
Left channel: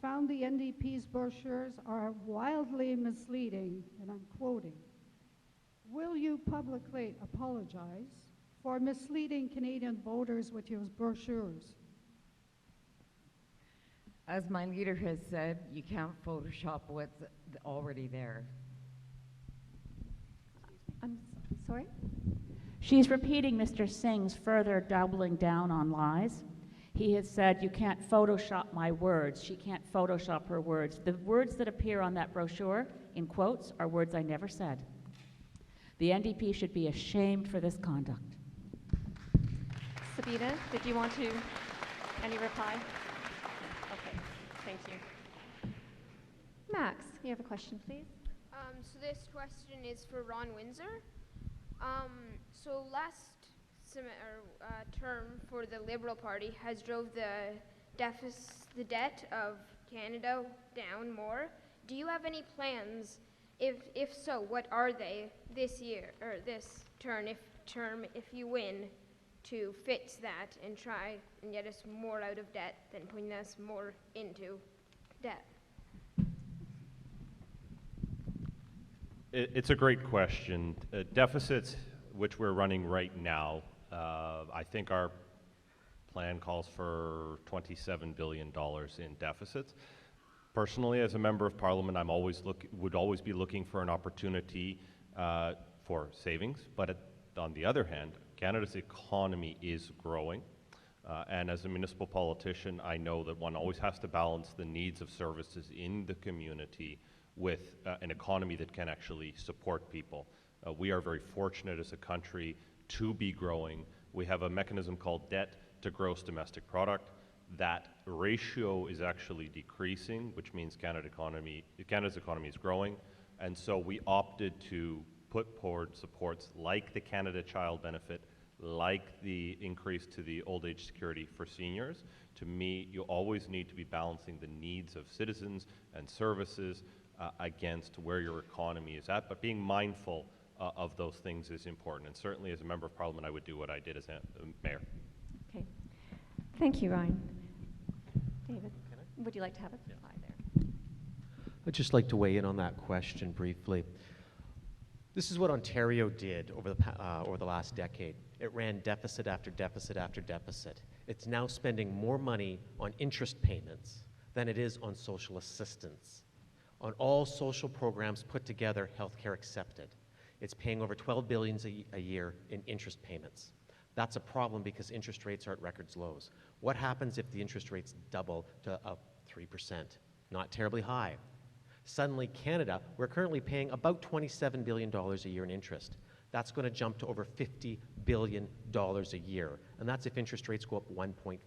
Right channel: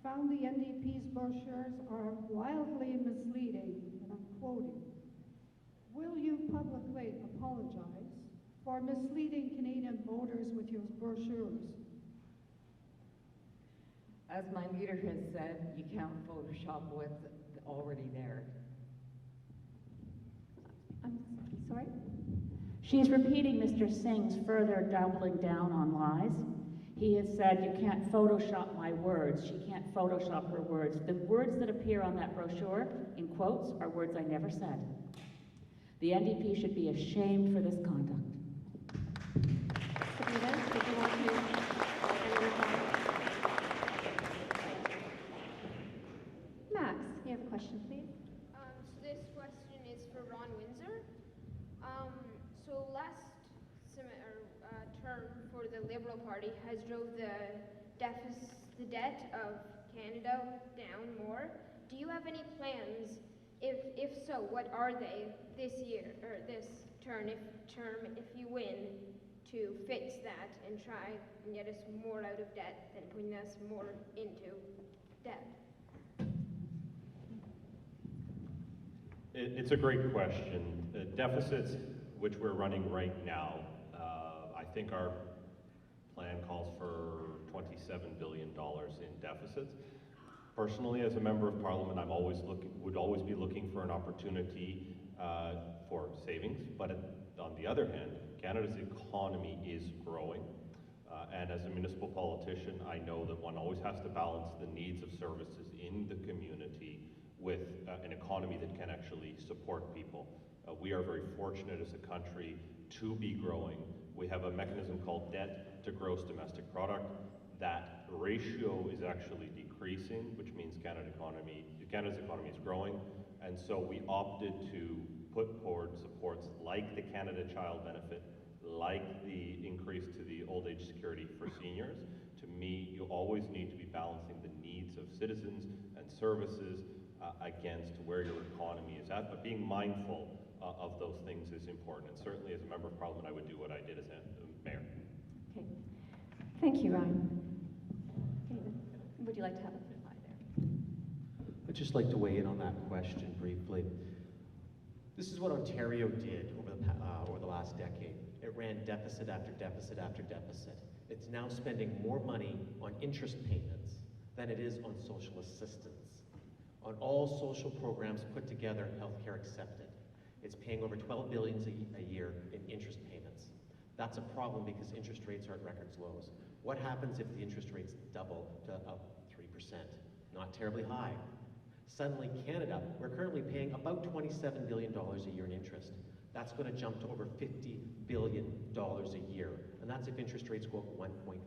found the NDP's brochures are wildly misleading, and I'm quoting. Will you publicly apologize for misleading Canadian voters with your brochures? As my leader has said, you can't Photoshop what's already there. I'm sorry? She's repeating Mr. Singh's further doubling down on lies. He has said, you can't Photoshop my words. She can't Photoshop her words. The words that appear on that brochure, in quotes, are words I never said. The NDP should be ashamed for this conduct. Sabina, did you want to any reply? Thank you. Max, you have a question, please? So this question is for Ron Windsor. So last term for the Liberal Party has drove the debt of Canada down more. Do you have any plans? If so, what are they this year or this term if you win, to fix that and try and get us more out of debt than putting us more into debt? It's a great question. Deficits, which we're running right now, I think our plan calls for $27 billion in deficits. Personally, as a member of Parliament, would always be looking for an opportunity for savings. But on the other hand, Canada's economy is growing. And as a municipal politician, I know that one always has to balance the needs of services in the community with an economy that can actually support people. We are very fortunate as a country to be growing. We have a mechanism called debt to gross domestic product. That ratio is actually decreasing, which means Canada's economy is growing. And so we opted to put forward supports like the Canada Child Benefit, like the increase to the old age security for seniors. To me, you always need to be balancing the needs of citizens and services against where your economy is at, but being mindful of those things is important. And certainly as a member of Parliament, I would do what I did as mayor. Okay. Thank you, Ryan. David, would you like to have a reply there? I'd just like to weigh in on that question briefly. This is what Ontario did over the last decade. It ran deficit after deficit after deficit. It's now spending more money on interest payments than it is on social assistance, on all social programs put together, healthcare accepted. It's paying over $12 billion a year in interest payments. That's a problem because interest rates are at records lows. What happens if the interest rates double to up 3%? Not terribly high. Suddenly, Canada, we're currently paying about $27 billion a year in interest. That's going to jump to over $50 billion a year, and that's if interest rates go up 1.5%.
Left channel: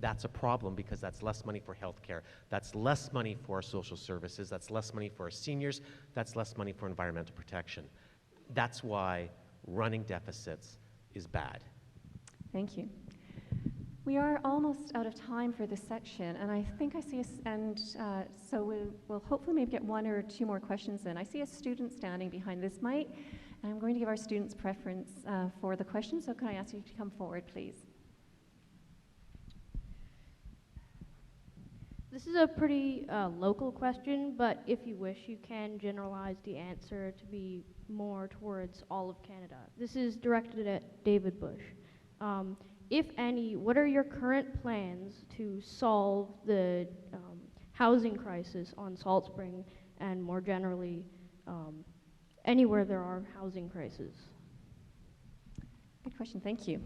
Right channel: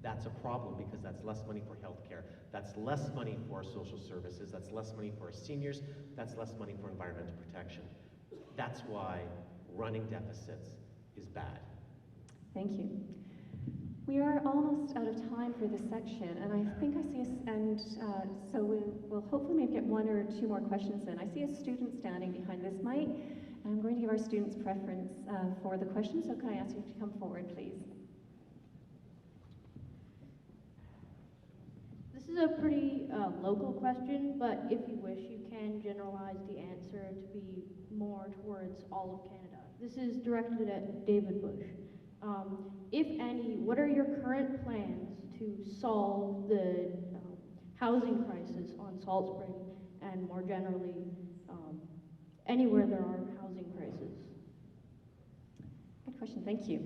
That's a problem because that's less money for healthcare, that's less money for our social services, that's less money for our seniors, that's less money for environmental protection. That's why running deficits is bad. Thank you. We are almost out of time for this section, and I think I see us, and so we'll hopefully maybe get one or two more questions in. I see a student standing behind this mic, and I'm going to give our students preference for the question, so can I ask you to come forward, please? This is a pretty local question, but if you wish, you can generalize the answer to be more towards all of Canada. This is directed at David Bush. If any, what are your current plans to solve the housing crisis on Salt Spring and more generally anywhere there are housing crises? Good question, thank you.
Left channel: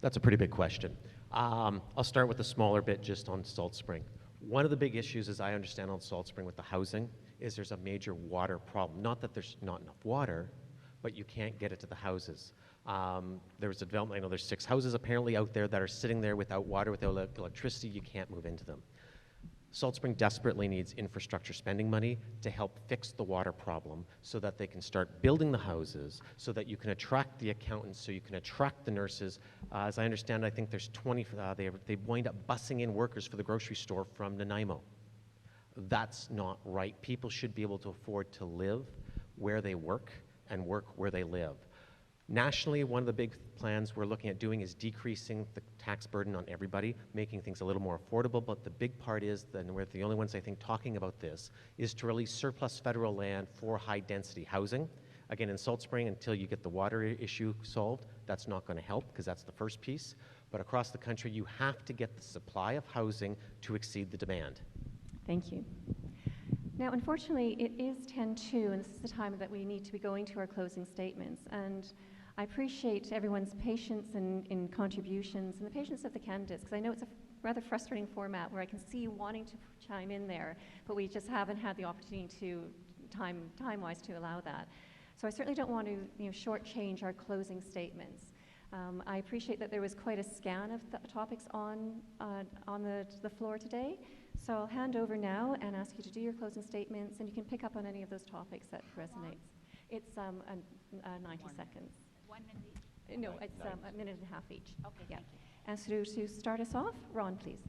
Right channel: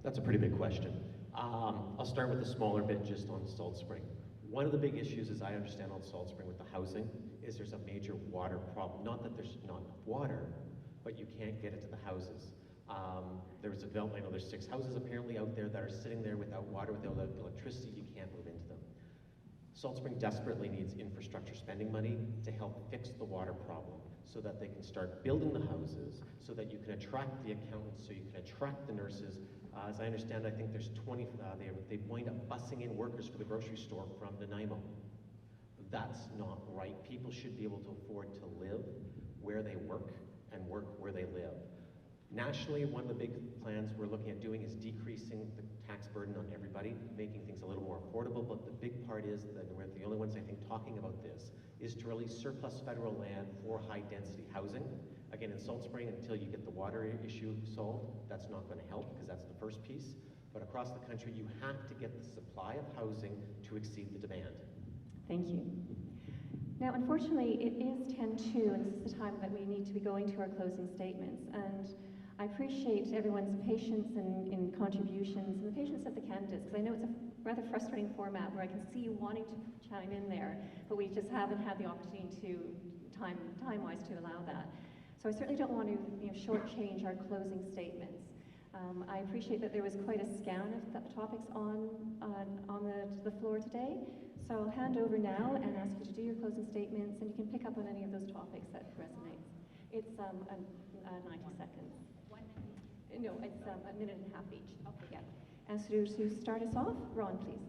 That's a pretty big question. I'll start with a smaller bit just on Salt Spring. One of the big issues, as I understand on Salt Spring with the housing, is there's a major water problem. Not that there's not enough water, but you can't get it to the houses. There's a development, I know there's 6 houses apparently out there that are sitting there without water, without electricity. You can't move into them. Salt Spring desperately needs infrastructure spending money to help fix the water problem so that they can start building the houses, so that you can attract the accountants, so you can attract the nurses. As I understand, I think there's 20, they wind up busing in workers for the grocery store from Nanaimo. That's not right. People should be able to afford to live where they work and work where they live. Nationally, one of the big plans we're looking at doing is decreasing the tax burden on everybody, making things a little more affordable, but the big part is, and we're the only ones I think talking about this, is to release surplus federal land for high-density housing. Again, in Salt Spring, until you get the water issue solved, that's not going to help because that's the first piece. But across the country, you have to get the supply of housing to exceed the demand. Thank you. Now, unfortunately, it is 10:02, and this is the time that we need to be going to our closing statements. And I appreciate everyone's patience in contributions and the patience of the candidates, because I know it's a rather frustrating format where I can see you wanting to chime in there, but we just haven't had the opportunity to, time-wise, to allow that. So I certainly don't want to shortchange our closing statements. I appreciate that there was quite a scan of the topics on the floor today. So I'll hand over now and ask you to do your closing statements, and you can pick up on any of those topics that resonates. It's 90 seconds. 1 minute each? No, it's a minute and a half each. Okay, yeah. And so to start us off, Ron, please.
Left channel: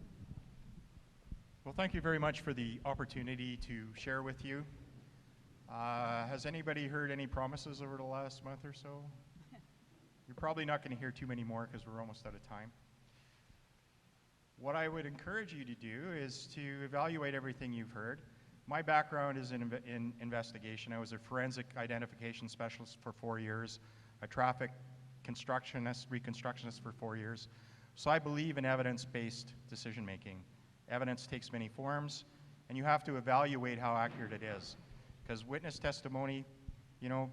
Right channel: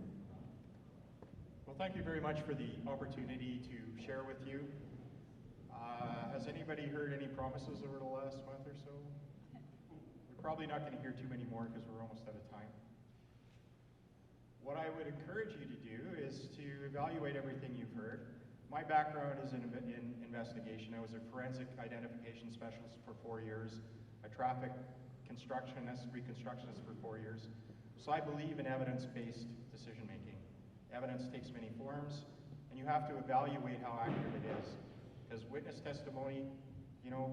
Well, thank you very much for the opportunity to share with you. Has anybody heard any promises over the last month or so? You're probably not going to hear too many more because we're almost out of time. What I would encourage you to do is to evaluate everything you've heard. My background is in investigation. I was a forensic identification specialist for 4 years, a traffic reconstructionist for 4 years. So I believe in evidence-based decision-making. Evidence takes many forms, and you have to evaluate how accurate it is. Because witness testimony,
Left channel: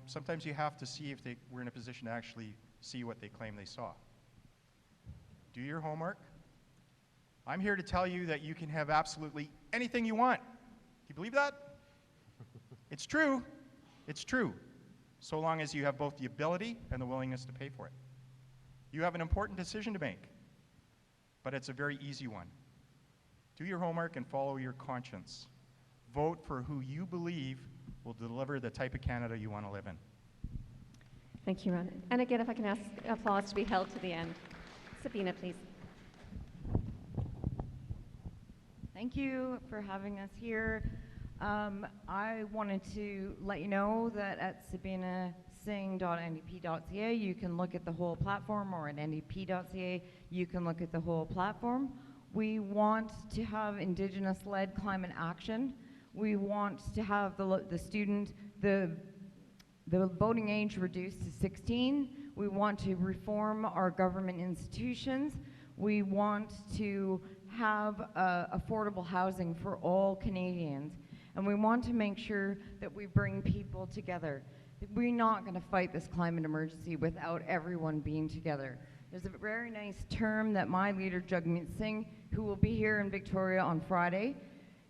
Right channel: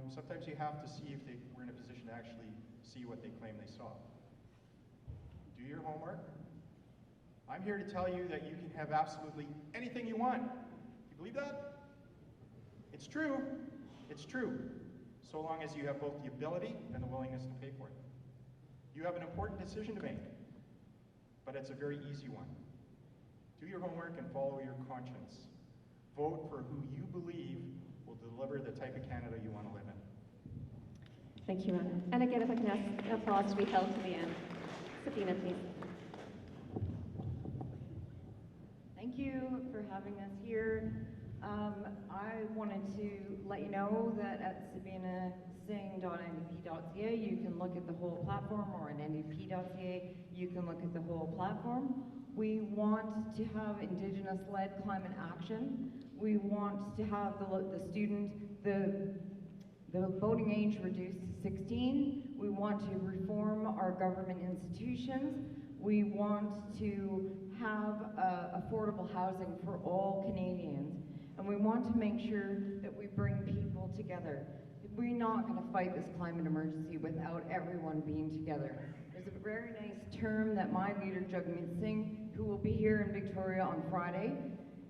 sometimes you have to see if they were in a position to actually see what they claim they saw. Do your homework. I'm here to tell you that you can have absolutely anything you want. Do you believe that? It's true. It's true. So long as you have both the ability and the willingness to pay for it. You have an important decision to make, but it's a very easy one. Do your homework and follow your conscience. Vote for who you believe will deliver the type of Canada you want to live in. Thank you, Ron. And again, if I can ask applause to be held to the end. Sabina, please. Thank you for having us here. I wanted to let you know that at sabinasingh.ndp.ca you can look at the whole platform, or at ndp.ca you can look at the whole platform. We want to have Indigenous-led climate action. We want to have the voting age reduced to 16. We want to reform our government institutions. We want to have affordable housing for all Canadians. And we want to make sure that we bring people together. We're not going to fight this climate emergency without everyone being together. There's a very nice term that my leader, Jagmeet Singh, who will be here in Victoria on Friday,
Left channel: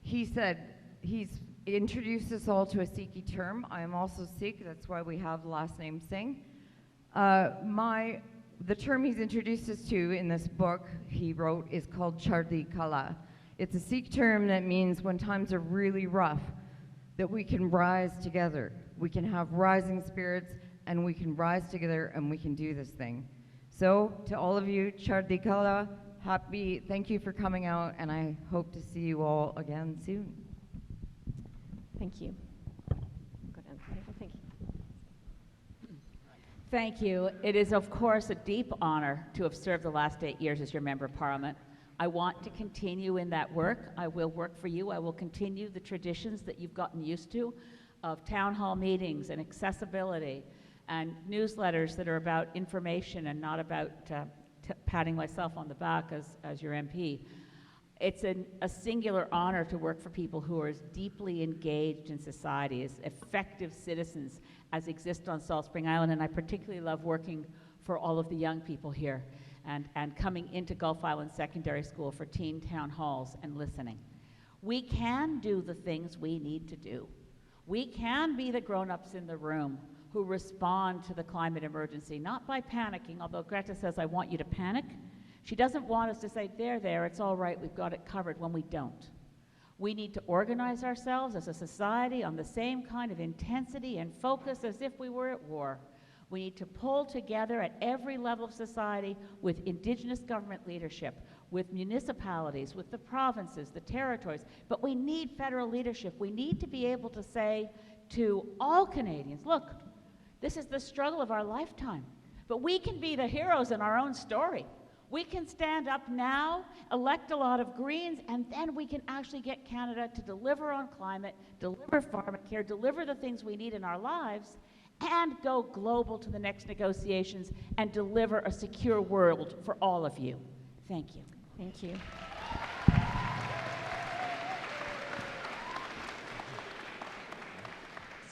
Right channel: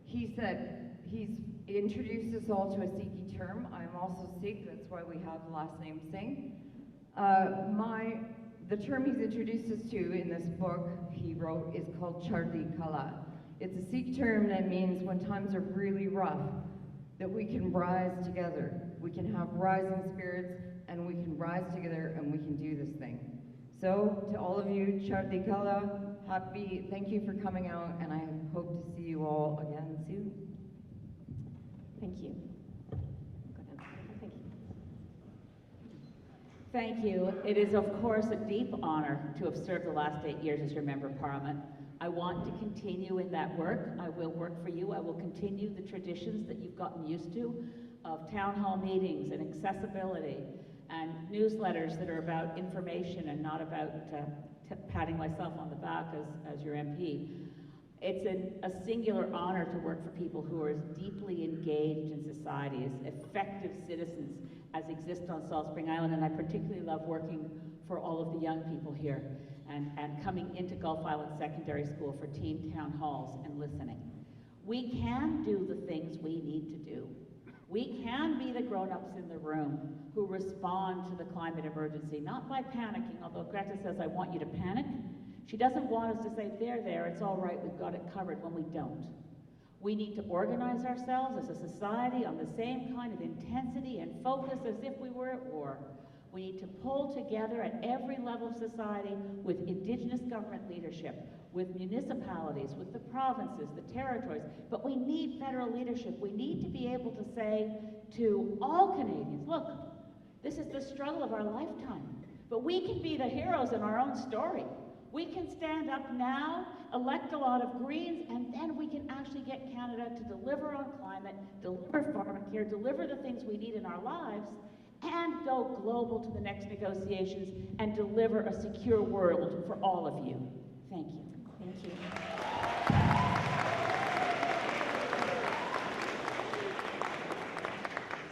he said, he's introduced us all to a Sikhi term. I am also Sikh, that's why we have the last name Singh. The term he's introduced us to in this book he wrote is called Chardi Kala. It's a Sikh term that means when times are really rough, that we can rise together. We can have rising spirits, and we can rise together, and we can do this thing. So, to all of you, Chardi Kala, thank you for coming out, and I hope to see you all again soon. Thank you. Go ahead. Thank you. Thank you. It is, of course, a deep honor to have served the last 8 years as your Member of Parliament. I want to continue in that work. I will work for you. I will continue the traditions that you've gotten used to of town hall meetings and accessibility and newsletters that are about information and not about patting myself on the back as your MP. It's a singular honor to work for people who are as deeply engaged in society, as effective citizens as exist on Salt Spring Island, and I particularly love working for all of the young people here and coming into Gulf Island Secondary School for team town halls and listening. We can do the things we need to do. We can be the grown-ups in the room who respond to the climate emergency, not by panicking, although Greta says, I want you to panic. She doesn't want us to say, there, it's all right, we've got it covered, when we don't. We need to organize ourselves as a society on the same kind of intensity and focus as if we were at war. We need to pull together at every level of society with Indigenous government leadership, with municipalities, with the provinces, the territories, but we need federal leadership. We need to be able to say to all Canadians, look, this is the struggle of our lifetime, but we can be the heroes in our own story. We can stand up now, elect a lot of Greens, and then we can actually get Canada to deliver on climate, deliver pharmacare, deliver the things we need in our lives, and go global to the next negotiations and deliver a secure world for all of you. Thank you. Thank you.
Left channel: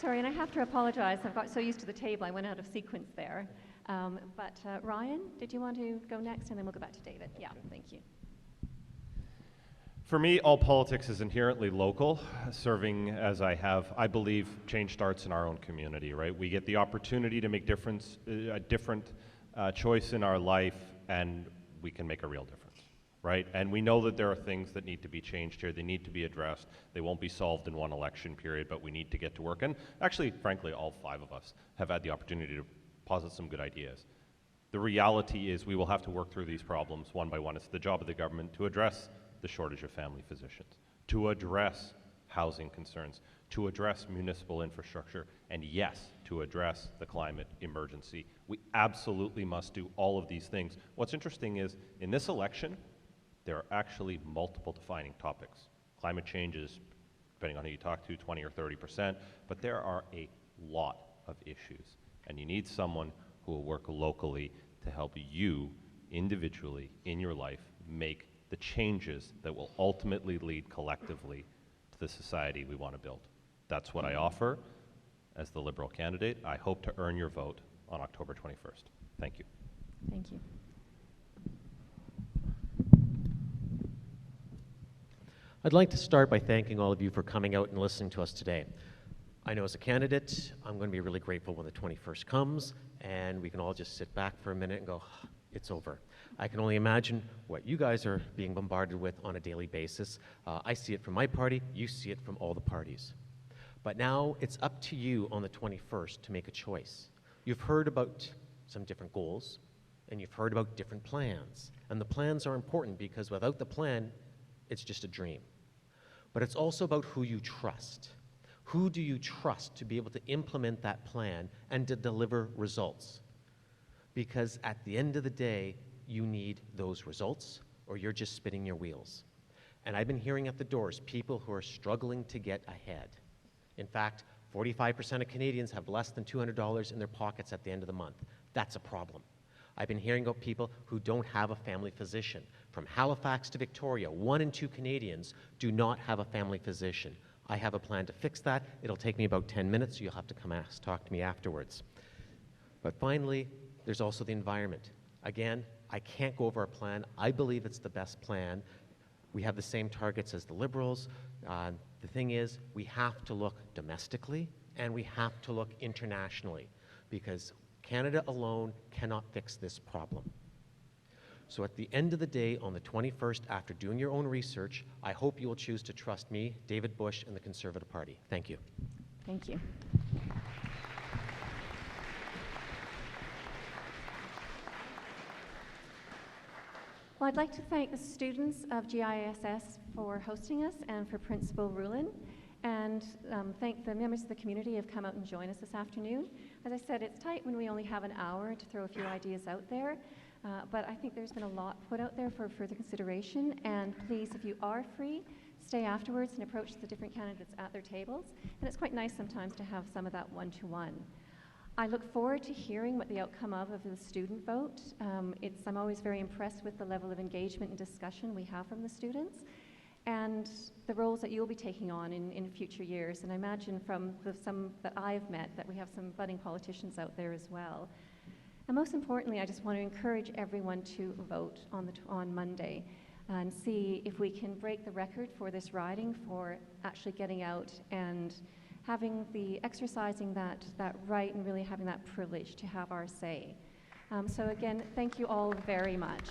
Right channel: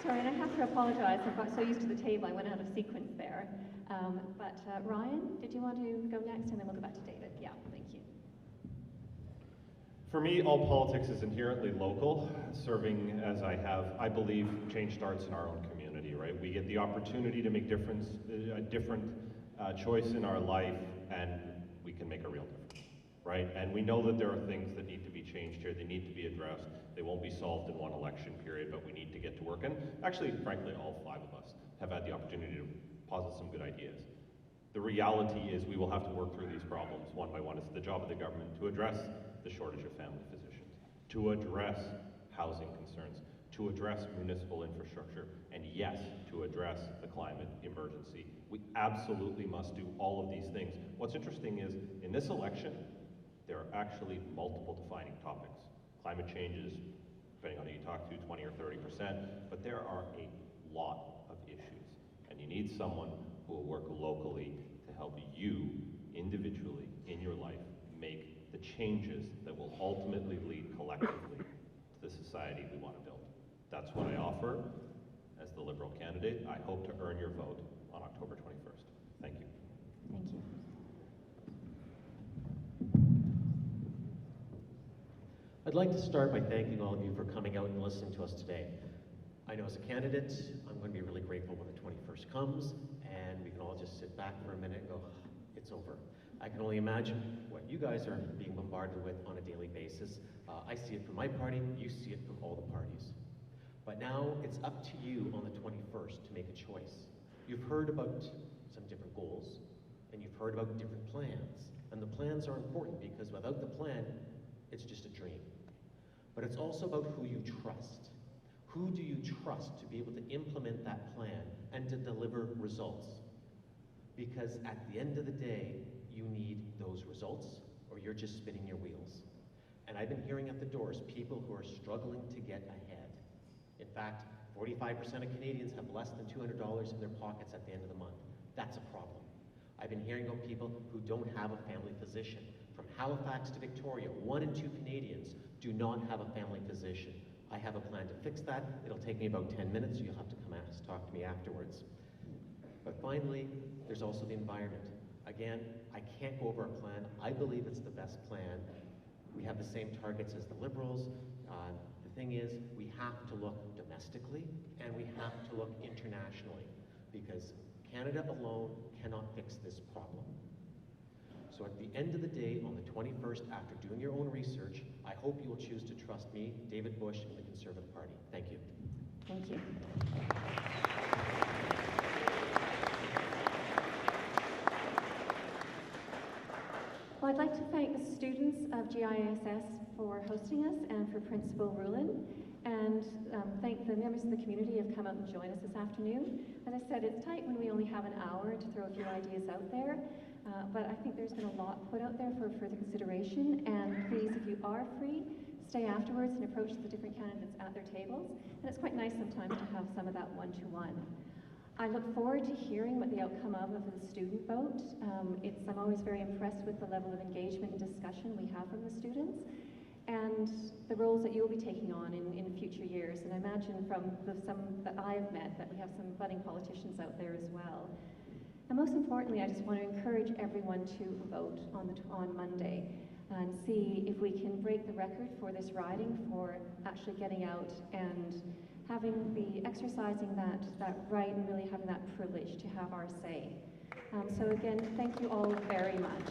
Sorry, and I have to apologize. I got so used to the table, I went out of sequence there. Ryan, did you want to go next? And then we'll go back to David. Yeah, thank you. For me, all politics is inherently local. Serving as I have, I believe change starts in our own community, right? We get the opportunity to make a different choice in our life, and we can make a real difference, right? And we know that there are things that need to be changed here. They need to be addressed. They won't be solved in one election period, but we need to get to work. And actually, frankly, all 5 of us have had the opportunity to posit some good ideas. The reality is we will have to work through these problems one by one. It's the job of the government to address the shortage of family physicians, to address housing concerns, to address municipal infrastructure, and yes, to address the climate emergency. We absolutely must do all of these things. What's interesting is, in this election, there are actually multiple defining topics. Climate change is, depending on who you talk to, 20 or 30%, but there are a lot of issues, and you need someone who will work locally to help you individually in your life make the changes that will ultimately lead collectively to the society we want to build. That's what I offer as the Liberal candidate. I hope to earn your vote on October 21st. Thank you. Thank you. I'd like to start by thanking all of you for coming out and listening to us today. I know as a candidate, I'm going to be really grateful when the 21st comes and we can all just sit back for a minute and go, it's over. I can only imagine what you guys are being bombarded with on a daily basis. I see it from my party, you see it from all the parties. But now it's up to you on the 21st to make a choice. You've heard about some different goals, and you've heard about different plans. And the plans are important because without the plan, it's just a dream. But it's also about who you trust. Who do you trust to be able to implement that plan and to deliver results? Because at the end of the day, you need those results or you're just spinning your wheels. And I've been hearing at the doors people who are struggling to get ahead. In fact, 45% of Canadians have less than $200 in their pockets at the end of the month. That's a problem. I've been hearing about people who don't have a family physician. From Halifax to Victoria, 1 in 2 Canadians do not have a family physician. I have a plan to fix that. It'll take me about 10 minutes. You'll have to come talk to me afterwards. But finally, there's also the environment. Again, I can't go over a plan. I believe it's the best plan. We have the same targets as the Liberals. The thing is, we have to look domestically and we have to look internationally because Canada alone cannot fix this problem. So at the end of the day, on the 21st, after doing your own research, I hope you will choose to trust me, David Bush, and the Conservative Party. Thank you. Thank you. Well, I'd like to thank the students of GISS for hosting us and for Principal Rulin, and thank the members of the community who have come out and joined us this afternoon. As I said, it's tight when we only have an hour to throw a few ideas out there, but I think there's been a lot put out there for further consideration, and please, if you are free, stay afterwards and approach the different candidates at their tables, and it's quite nice sometimes to have some of that one-to-one. I look forward to hearing what the outcome of the student vote. I'm always very impressed with the level of engagement and discussion we have from the students and the roles that you'll be taking on in future years. And I imagine from some that I've met that we have some budding politicians out there as well. And most importantly, I just want to encourage everyone to vote on Monday and see if we can break the record for this riding for actually getting out and exercising that right and really having that privilege to have our say. So again, thank you all very much.